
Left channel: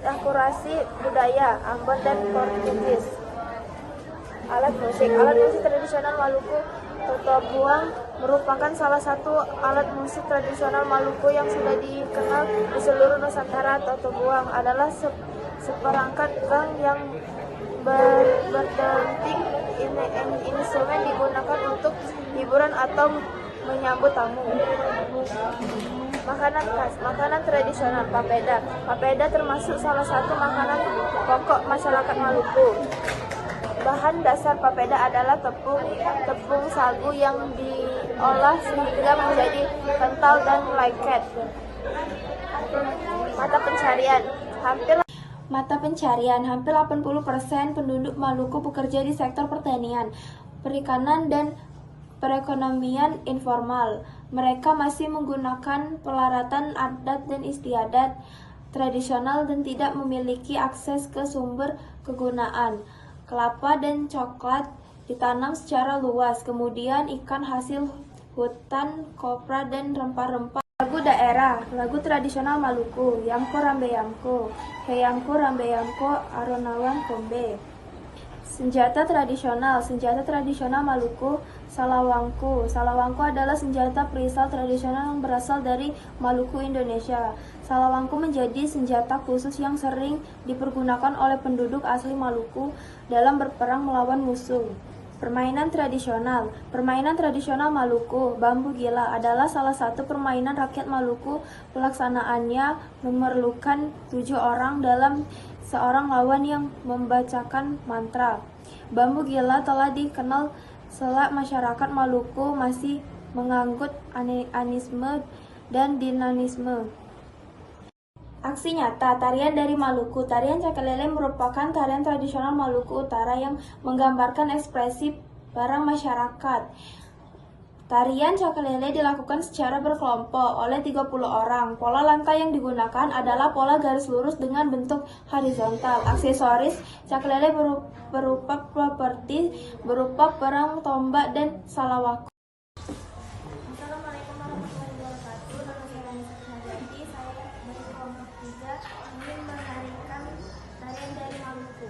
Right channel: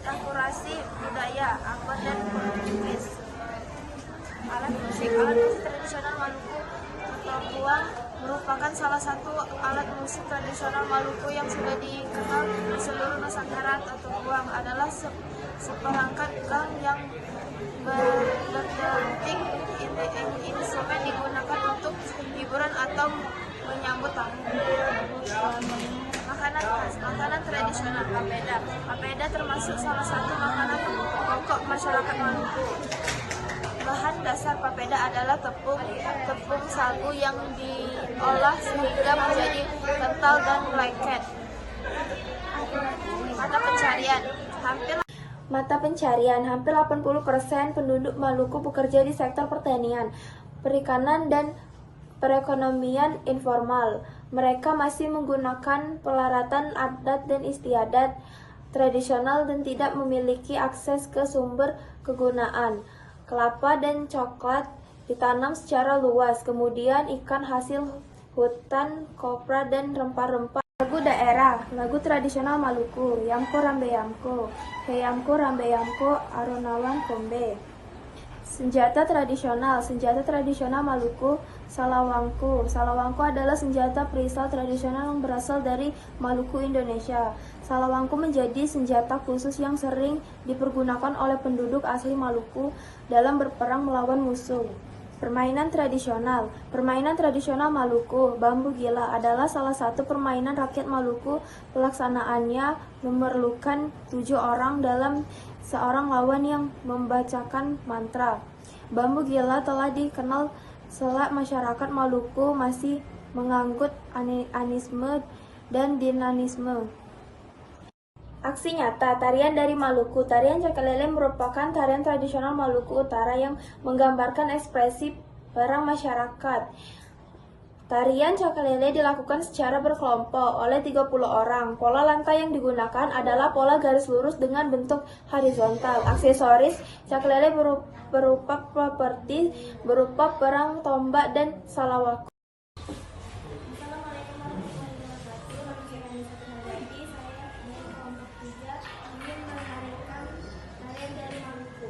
akurasi budaya Ambon dan Portugis. Alat musik tradisional Maluku, totobuang merupakan salah satu alat musik tradisional Maluku yang sudah dikenal di seluruh Nusantara. Totobuang adalah seperangkat gang yang berdenting. Instrumen digunakan untuk hiburan atau menyambut tamu. Makanan khas, makanan tradisional papeda. Papeda termasuk salah satu makanan pokok masyarakat Maluku. Bahan dasar papeda adalah tepung sagu yang diolah sehingga menjadi kental dan lengket. Mata pencarian, hampir 80% penduduk Maluku bekerja di sektor pertanian, perikanan, dan perekonomian informal. Mereka masih menggunakan pelaratan adat dan istiadat tradisional dan tidak memiliki akses ke sumber kegunaan. Kelapa dan coklat ditanam secara luas, kemudian ikan hasil hutan, kopra, dan rempah-rempah. Lagu daerah, lagu tradisional Maluku, Yamko Rambe Yamko, Heyamko Rambe Yamko, Aronawan Kombe. Senjata tradisional Maluku, Salawangku. Salawangku adalah senjata perisai tradisional yang berasal dari Maluku, Indonesia. Salawangku menjadi senjata khusus yang sering dipergunakan oleh penduduk asli Maluku dalam berperang melawan musuh. Permainan tradisional Maluku, bambu gila adalah salah satu permainan rakyat Maluku. Pelaksanaannya memerlukan 7 orang dalam seorang lawan yang membacakan mantra. Bambu gila telah dikenal selak masyarakat Maluku masih menganggut animisme dan dinamisme. Aksi nyata, tarian dari Maluku. Tarian Cakalele merupakan tarian tradisional Maluku Utara yang menggambarkan ekspresi para masyarakat. Tarian Cakalele dilakukan secara berkelompok oleh 30 orang. Pola lantai yang digunakan adalah pola garis lurus dengan bentuk horizontal. Aksesoris Cakalele berupa properti berupa perang tombak dan salawaku. Assalamualaikum warahmatullahi wabarakatuh. Nama saya Anissa Pinagati. Saya dari kelompok 3 ingin menarikan tarian dari Maluku.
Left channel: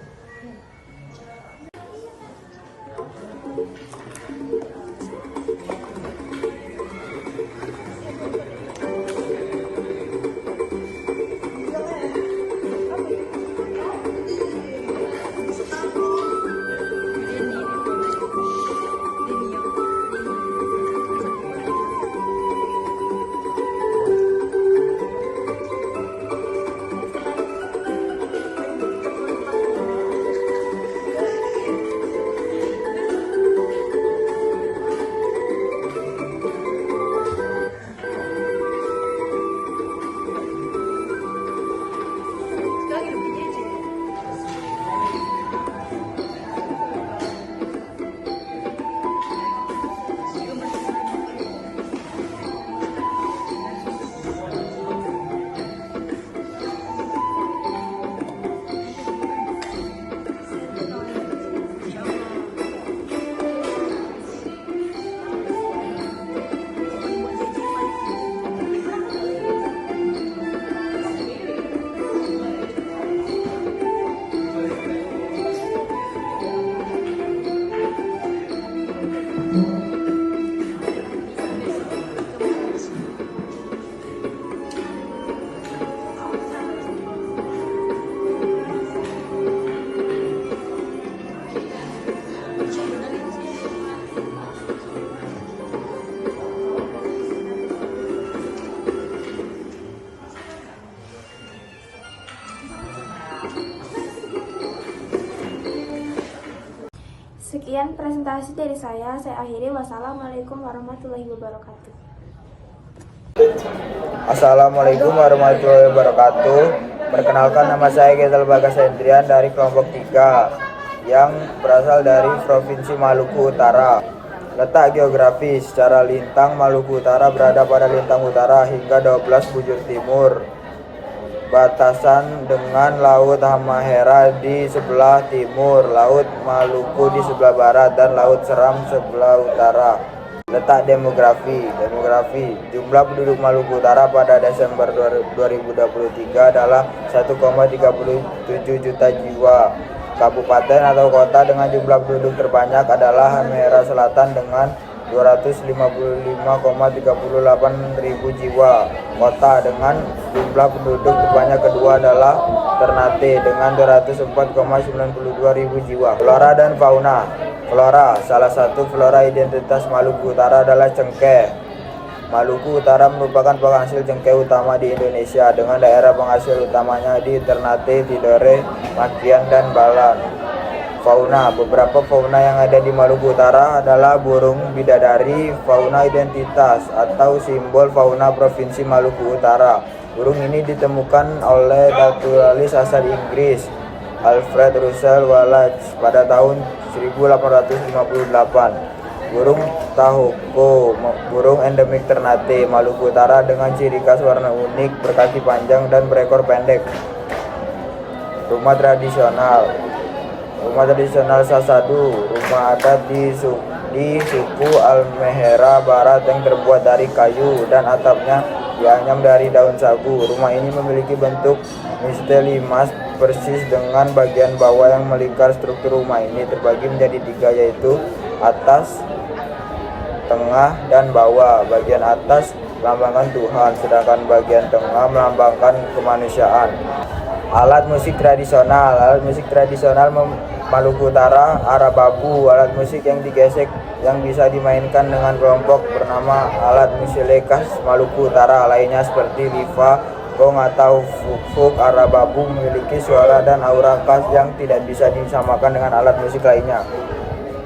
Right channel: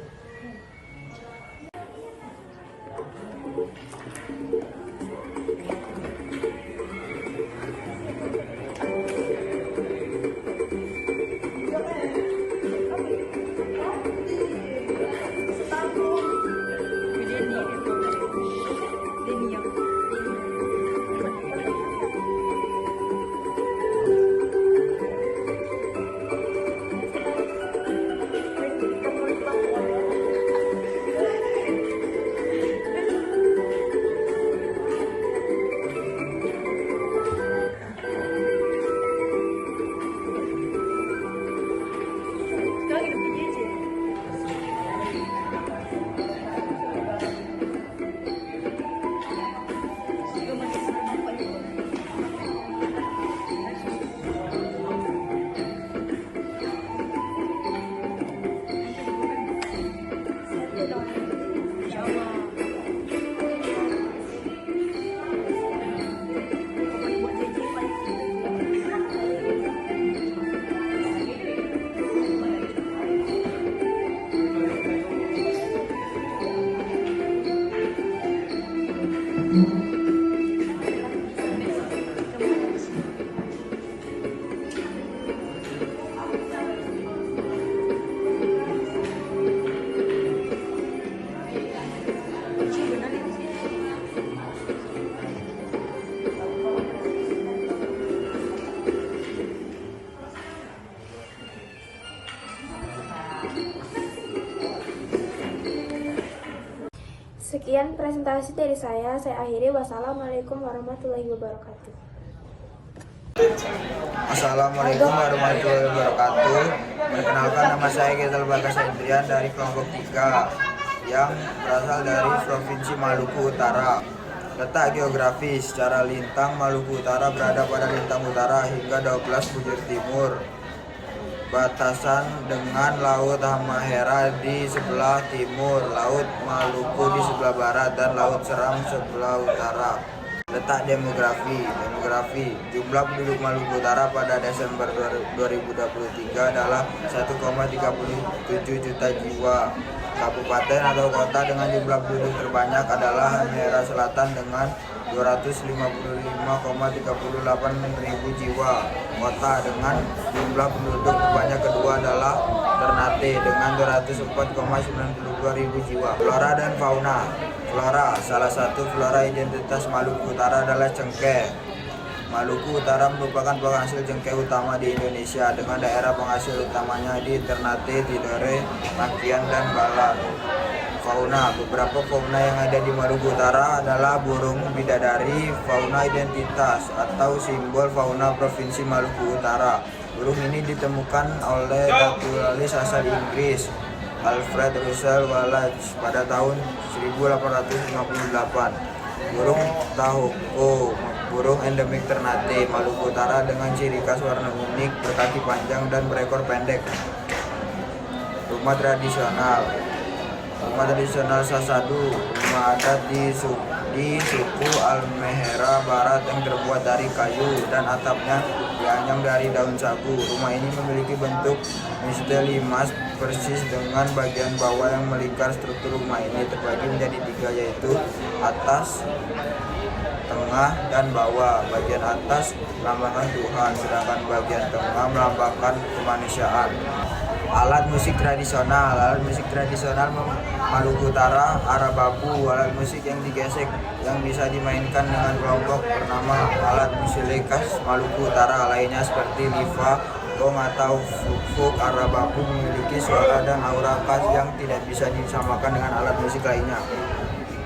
Sekian presentasi dari saya akhiri. Wassalamualaikum warahmatullahi wabarakatuh. Assalamualaikum warahmatullahi wabarakatuh. Perkenalkan, nama saya Gezel Bagas Hendrian dari kelompok 3 yang berasal dari Provinsi Maluku Utara. Letak geografis, secara lintang Maluku Utara berada pada lintang utara hingga 12 bujur timur. Batasan dengan Laut Halmahera di sebelah timur, Laut Maluku di sebelah barat, dan Laut Seram sebelah utara. Letak demografi, jumlah penduduk Maluku Utara pada Desember 2023 adalah 1,37 juta jiwa. Kabupaten atau kota dengan jumlah penduduk terbanyak adalah Halmahera Selatan dengan 255,38 ribu jiwa. Kota dengan jumlah penduduk terbanyak kedua adalah Ternate dengan 204,92 ribu jiwa. Flora dan fauna. Flora, salah satu flora identitas Maluku Utara adalah cengkeh. Maluku Utara merupakan penghasil cengkeh utama di Indonesia dengan daerah penghasil utamanya di Ternate, Tidore, Makian, dan Balan. Fauna, beberapa fauna yang ada di Maluku Utara adalah burung bidadari, fauna identitas atau simbol fauna Provinsi Maluku Utara. Burung ini ditemukan oleh naturalis asal Inggris Alfred Russel Wallace pada tahun 1858. Burung tahoko, burung endemik Ternate, Maluku Utara dengan ciri khas warna unik, berkaki panjang dan berekor pendek. Rumah tradisional. Rumah tradisional Sasadu, rumah adat di suku Halmahera Barat yang terbuat dari kayu dan atapnya dianyam dari daun sagu. Rumah ini memiliki bentuk misteli mas persis dengan bagian bawah yang melingkar. Struktur rumah ini terbagi menjadi 3, yaitu atas, tengah, dan bawah. Bagian atas melambangkan Tuhan, sedangkan bagian tengah melambangkan kemanusiaan. Alat musik tradisional. Alat musik tradisional Maluku Utara, arababu, alat musik yang digesek yang bisa dimainkan dengan kelompok bernama alat musik khas Maluku Utara. Lainnya seperti lifa, gong atau fuk-fuk. Arababu memiliki suara dan aura khas yang tidak bisa disamakan dengan alat musik lainnya.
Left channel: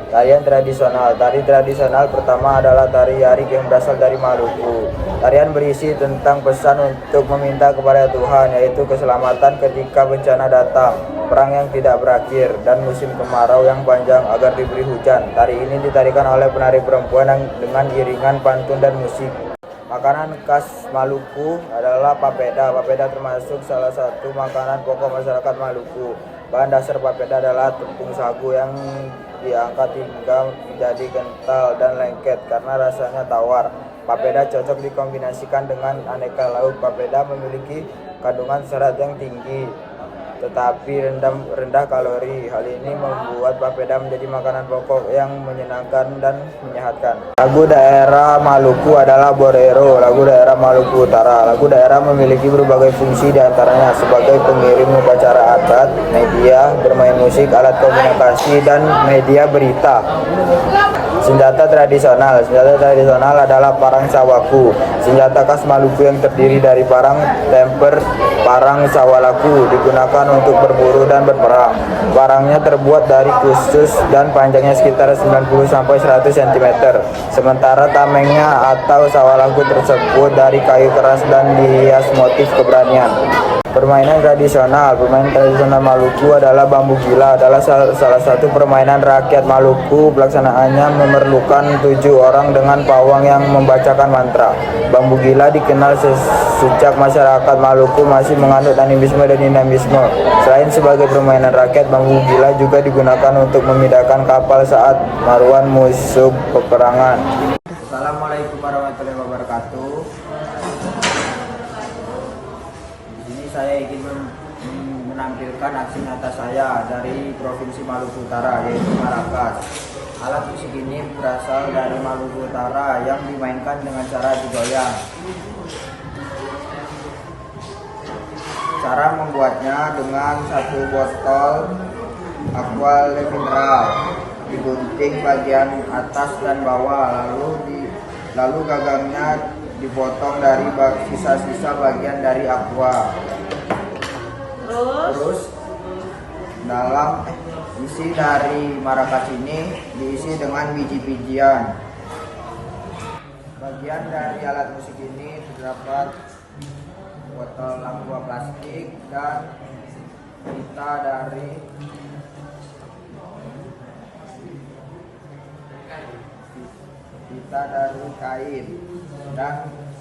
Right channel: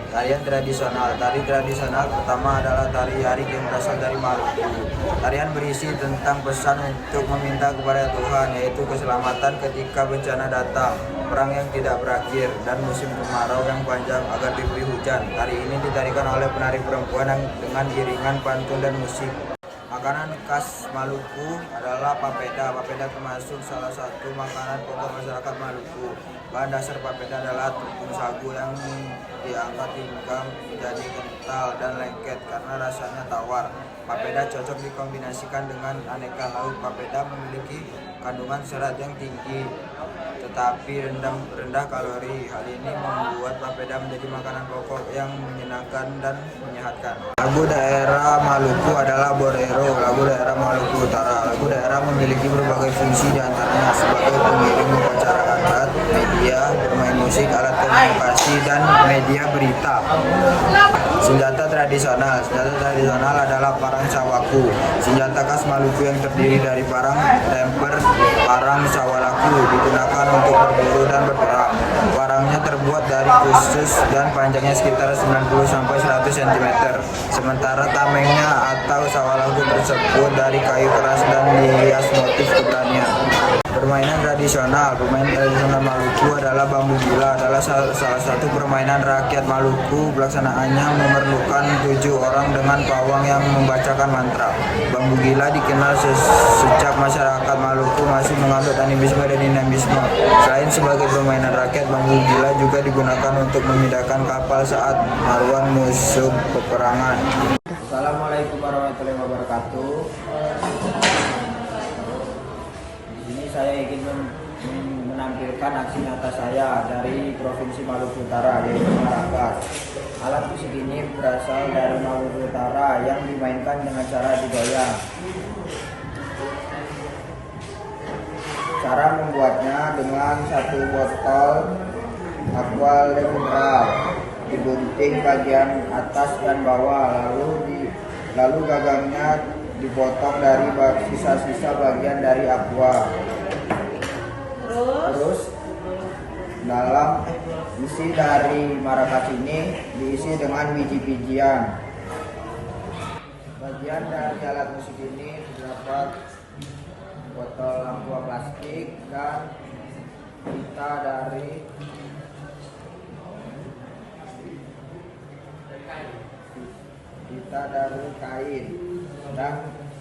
Tarian tradisional. Tari tradisional pertama adalah tari Yarik yang berasal dari Maluku. Tarian berisi tentang pesan untuk meminta kepada Tuhan, yaitu keselamatan ketika bencana datang, perang yang tidak berakhir, dan musim kemarau yang panjang agar diberi hujan. Tari ini ditarikan oleh penari perempuan dengan iringan pantun dan musik. Makanan khas Maluku adalah papeda. Papeda termasuk salah satu makanan pokok masyarakat Maluku. Bahan dasar papeda adalah tepung sagu yang diangkat hingga menjadi kental dan lengket karena rasanya tawar. Papeda cocok dikombinasikan dengan aneka lauk. Papeda memiliki kandungan serat yang tinggi tetapi rendah kalori. Hal ini membuat papeda menjadi makanan pokok yang menyenangkan dan menyehatkan. Lagu daerah Maluku adalah Borero, lagu daerah Maluku Utara. Lagu daerah memiliki berbagai fungsi, diantaranya sebagai pengiring upacara adat, media, bermain musik, alat komunikasi, dan media berita. Senjata tradisional. Senjata tradisional adalah parang sawaku, senjata khas Maluku yang terdiri dari parang, temper, parang sawalaku, digunakan untuk berburu dan berperang. Parangnya terbuat dari khusus dan panjangnya sekitar 90-100 cm. Sementara tamengnya atau sawalaku tersebut dari kayu keras dan dihias motif keberanian. Permainan tradisional. Permainan tradisional Maluku adalah bambu gila, adalah salah satu permainan rakyat Maluku. Pelaksanaannya memerlukan 7 orang dengan pawang yang membacakan mantra. Bambu gila dikenal sejak masyarakat Maluku masih menganut animisme dan dinamisme. Selain sebagai permainan rakyat, bambu gila juga digunakan untuk memindahkan kapal saat maruan musuh peperangan. Assalamualaikum warahmatullahi wabarakatuh. Saya ingin menampilkan aksi nyata saya dari Provinsi Maluku Utara, yaitu marakas. Alat musik ini berasal dari Maluku Utara yang dimainkan dengan cara digoyang. Cara membuatnya dengan 1 botol aqua mineral, digunting bagian atas dan bawah, lalu gagangnya dipotong dari sisa-sisa bagian dari aqua. Terus dalam isi dari marakas ini diisi dengan biji-bijian. Bagian dari alat musik ini terdapat botol aqua plastik dan pita dari kain, dan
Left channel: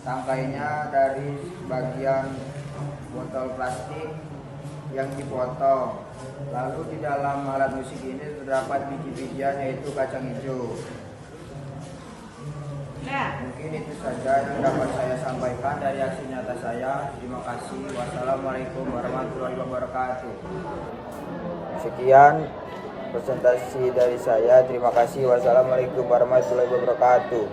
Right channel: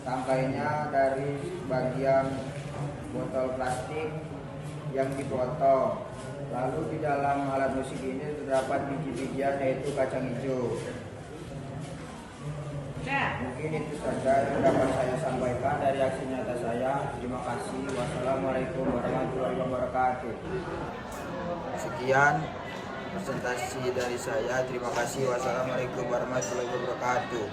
tangkainya dari bagian botol plastik yang dipotong. Lalu di dalam alat musik ini terdapat biji-bijian, yaitu kacang hijau. Mungkin itu saja yang dapat saya sampaikan dari aksi nyata saya. Terima kasih. Wassalamualaikum warahmatullahi wabarakatuh. Sekian presentasi dari saya. Terima kasih. Wassalamualaikum warahmatullahi wabarakatuh.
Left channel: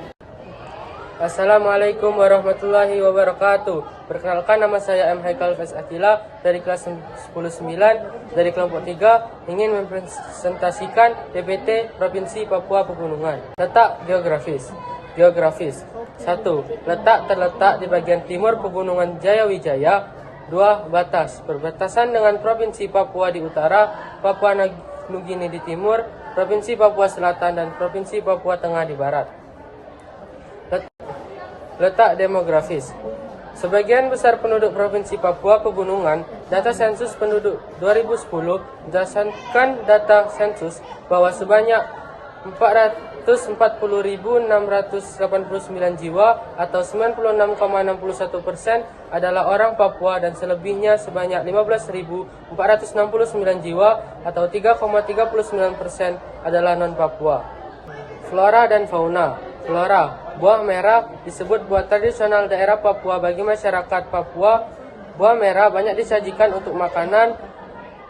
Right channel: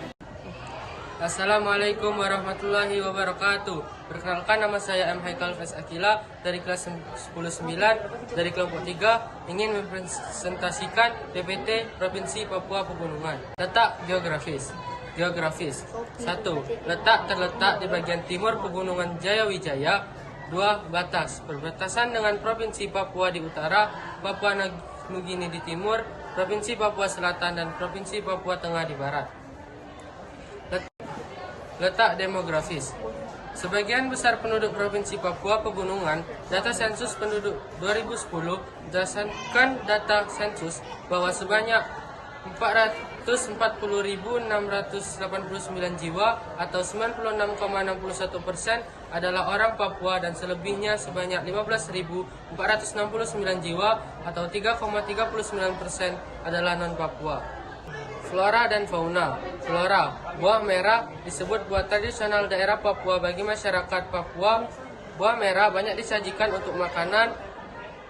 Assalamualaikum warahmatullahi wabarakatuh. Perkenalkan, nama saya M. Haikal Faiz Akila dari kelas 10-9 dari kelompok 3 ingin mempresentasikan PPT Provinsi Papua Pegunungan. Letak geografis. 1. Letak terletak di bagian timur Pegunungan Jayawijaya. 2. Batas. Perbatasan dengan Provinsi Papua di utara, Papua Nugini di timur, Provinsi Papua Selatan dan Provinsi Papua Tengah di barat. Letak demografis. Sebagian besar penduduk Provinsi Papua Pegunungan, data sensus penduduk 2010 berdasarkan data sensus bahwa sebanyak 440.689 jiwa atau 96,61% adalah orang Papua dan selebihnya sebanyak 15.469 jiwa atau 3,39% adalah non-Papua. Flora dan fauna. Flora, buah merah disebut buah tradisional daerah Papua bagi masyarakat Papua. Buah merah banyak disajikan untuk makanan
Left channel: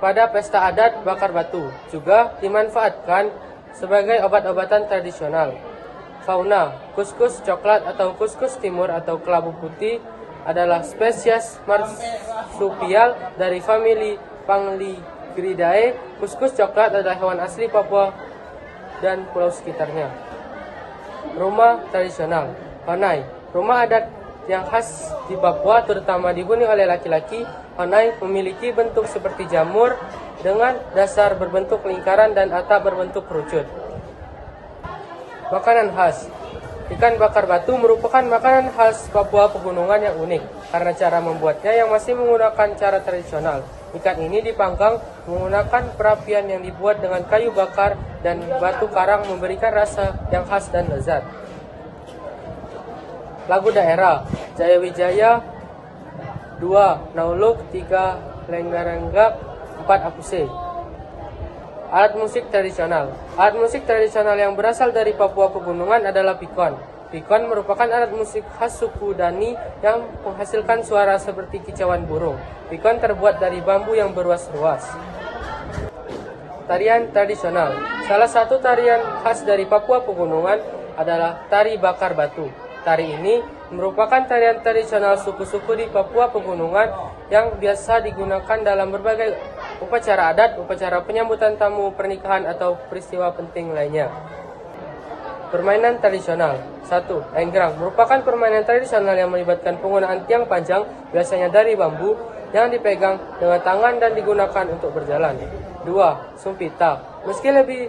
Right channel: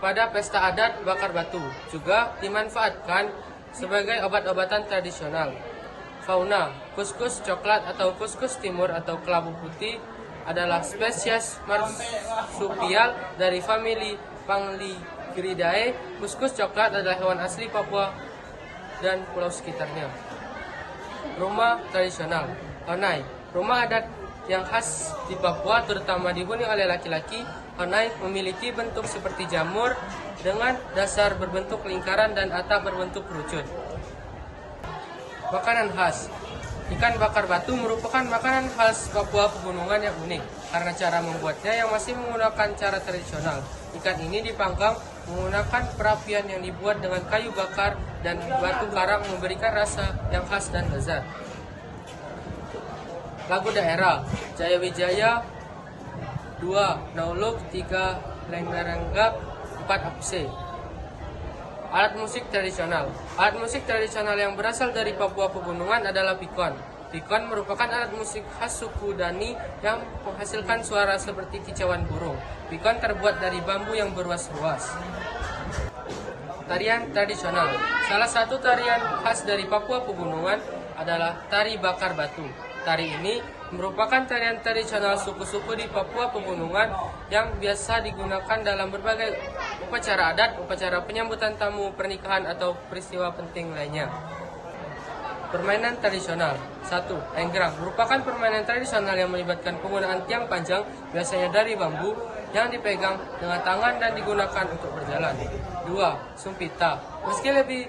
pada pesta adat bakar batu. Juga dimanfaatkan sebagai obat-obatan tradisional. Fauna, kuskus coklat atau kuskus timur atau kelabu putih adalah spesies marsupial dari famili Pangligridae. Kuskus coklat adalah hewan asli Papua dan pulau sekitarnya. Rumah tradisional. Honai, rumah adat yang khas di Papua terutama dihuni oleh laki-laki. Honai memiliki bentuk seperti jamur dengan dasar berbentuk lingkaran dan atap berbentuk kerucut. Makanan khas. Ikan bakar batu merupakan makanan khas Papua Pegunungan yang unik karena cara membuatnya yang masih menggunakan cara tradisional. Ikan ini dipanggang menggunakan perapian yang dibuat dengan kayu bakar dan batu karang memberikan rasa yang khas dan lezat. Lagu daerah. Jayawijaya 2. Nauluk 3. Lenggaranggap 4. Apuse. Alat musik tradisional. Alat musik tradisional yang berasal dari Papua Pegunungan adalah pikon. Pikon merupakan alat musik khas suku Dani yang menghasilkan suara seperti kicauan burung. Pikon terbuat dari bambu yang berruas-ruas. Tarian tradisional. Salah satu tarian khas dari Papua Pegunungan adalah tari bakar batu. Tari ini merupakan tarian tradisional suku-suku di Papua Pegunungan yang biasa digunakan dalam berbagai upacara adat, upacara penyambutan tamu, pernikahan, atau peristiwa penting lainnya. Permainan tradisional. 1. Enggrang merupakan permainan tradisional yang melibatkan penggunaan tiang panjang, biasanya dari bambu, yang dipegang dengan tangan dan digunakan untuk berjalan. 2. Sumpita. Meski lebih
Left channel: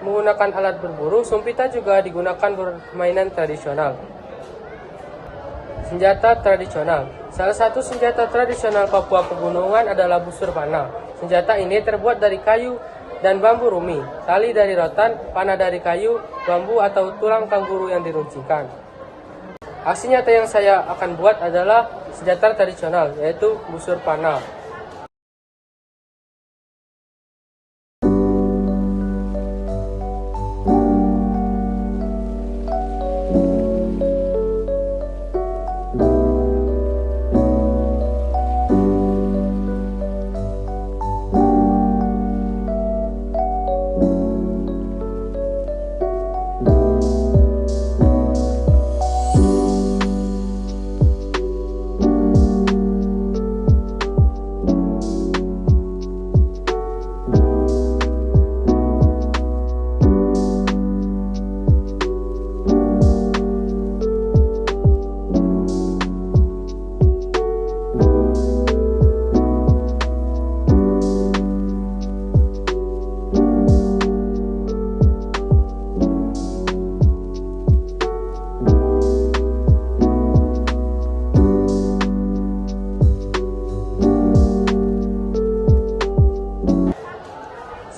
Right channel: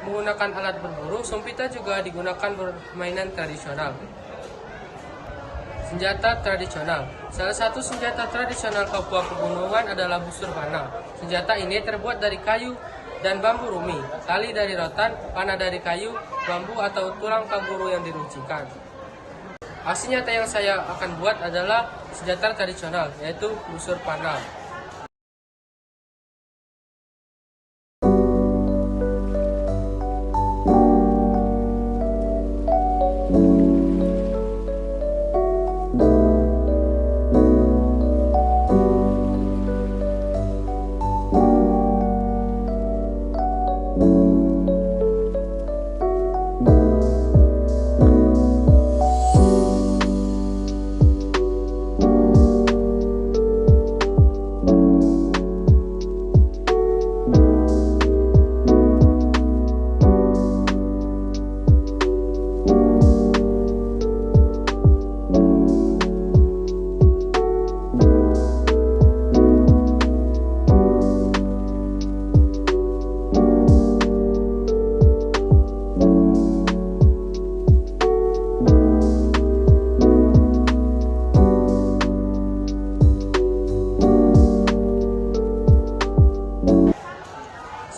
menggunakan alat berburu, sumpita juga digunakan permainan tradisional. Senjata tradisional. Salah satu senjata tradisional Papua Pegunungan adalah busur panah. Senjata ini terbuat dari kayu dan bambu rumi, tali dari rotan, panah dari kayu, bambu atau tulang kanguru yang diruncikan. Aksi nyata yang saya akan buat adalah senjata tradisional, yaitu busur panah.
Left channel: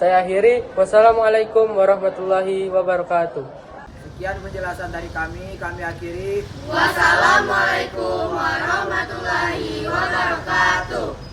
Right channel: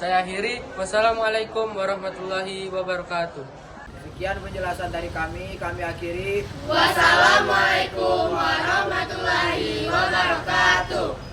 Saya akhiri. Wassalamualaikum warahmatullahi wabarakatuh. Sekian penjelasan dari kami akhiri. Wassalamualaikum warahmatullahi wabarakatuh.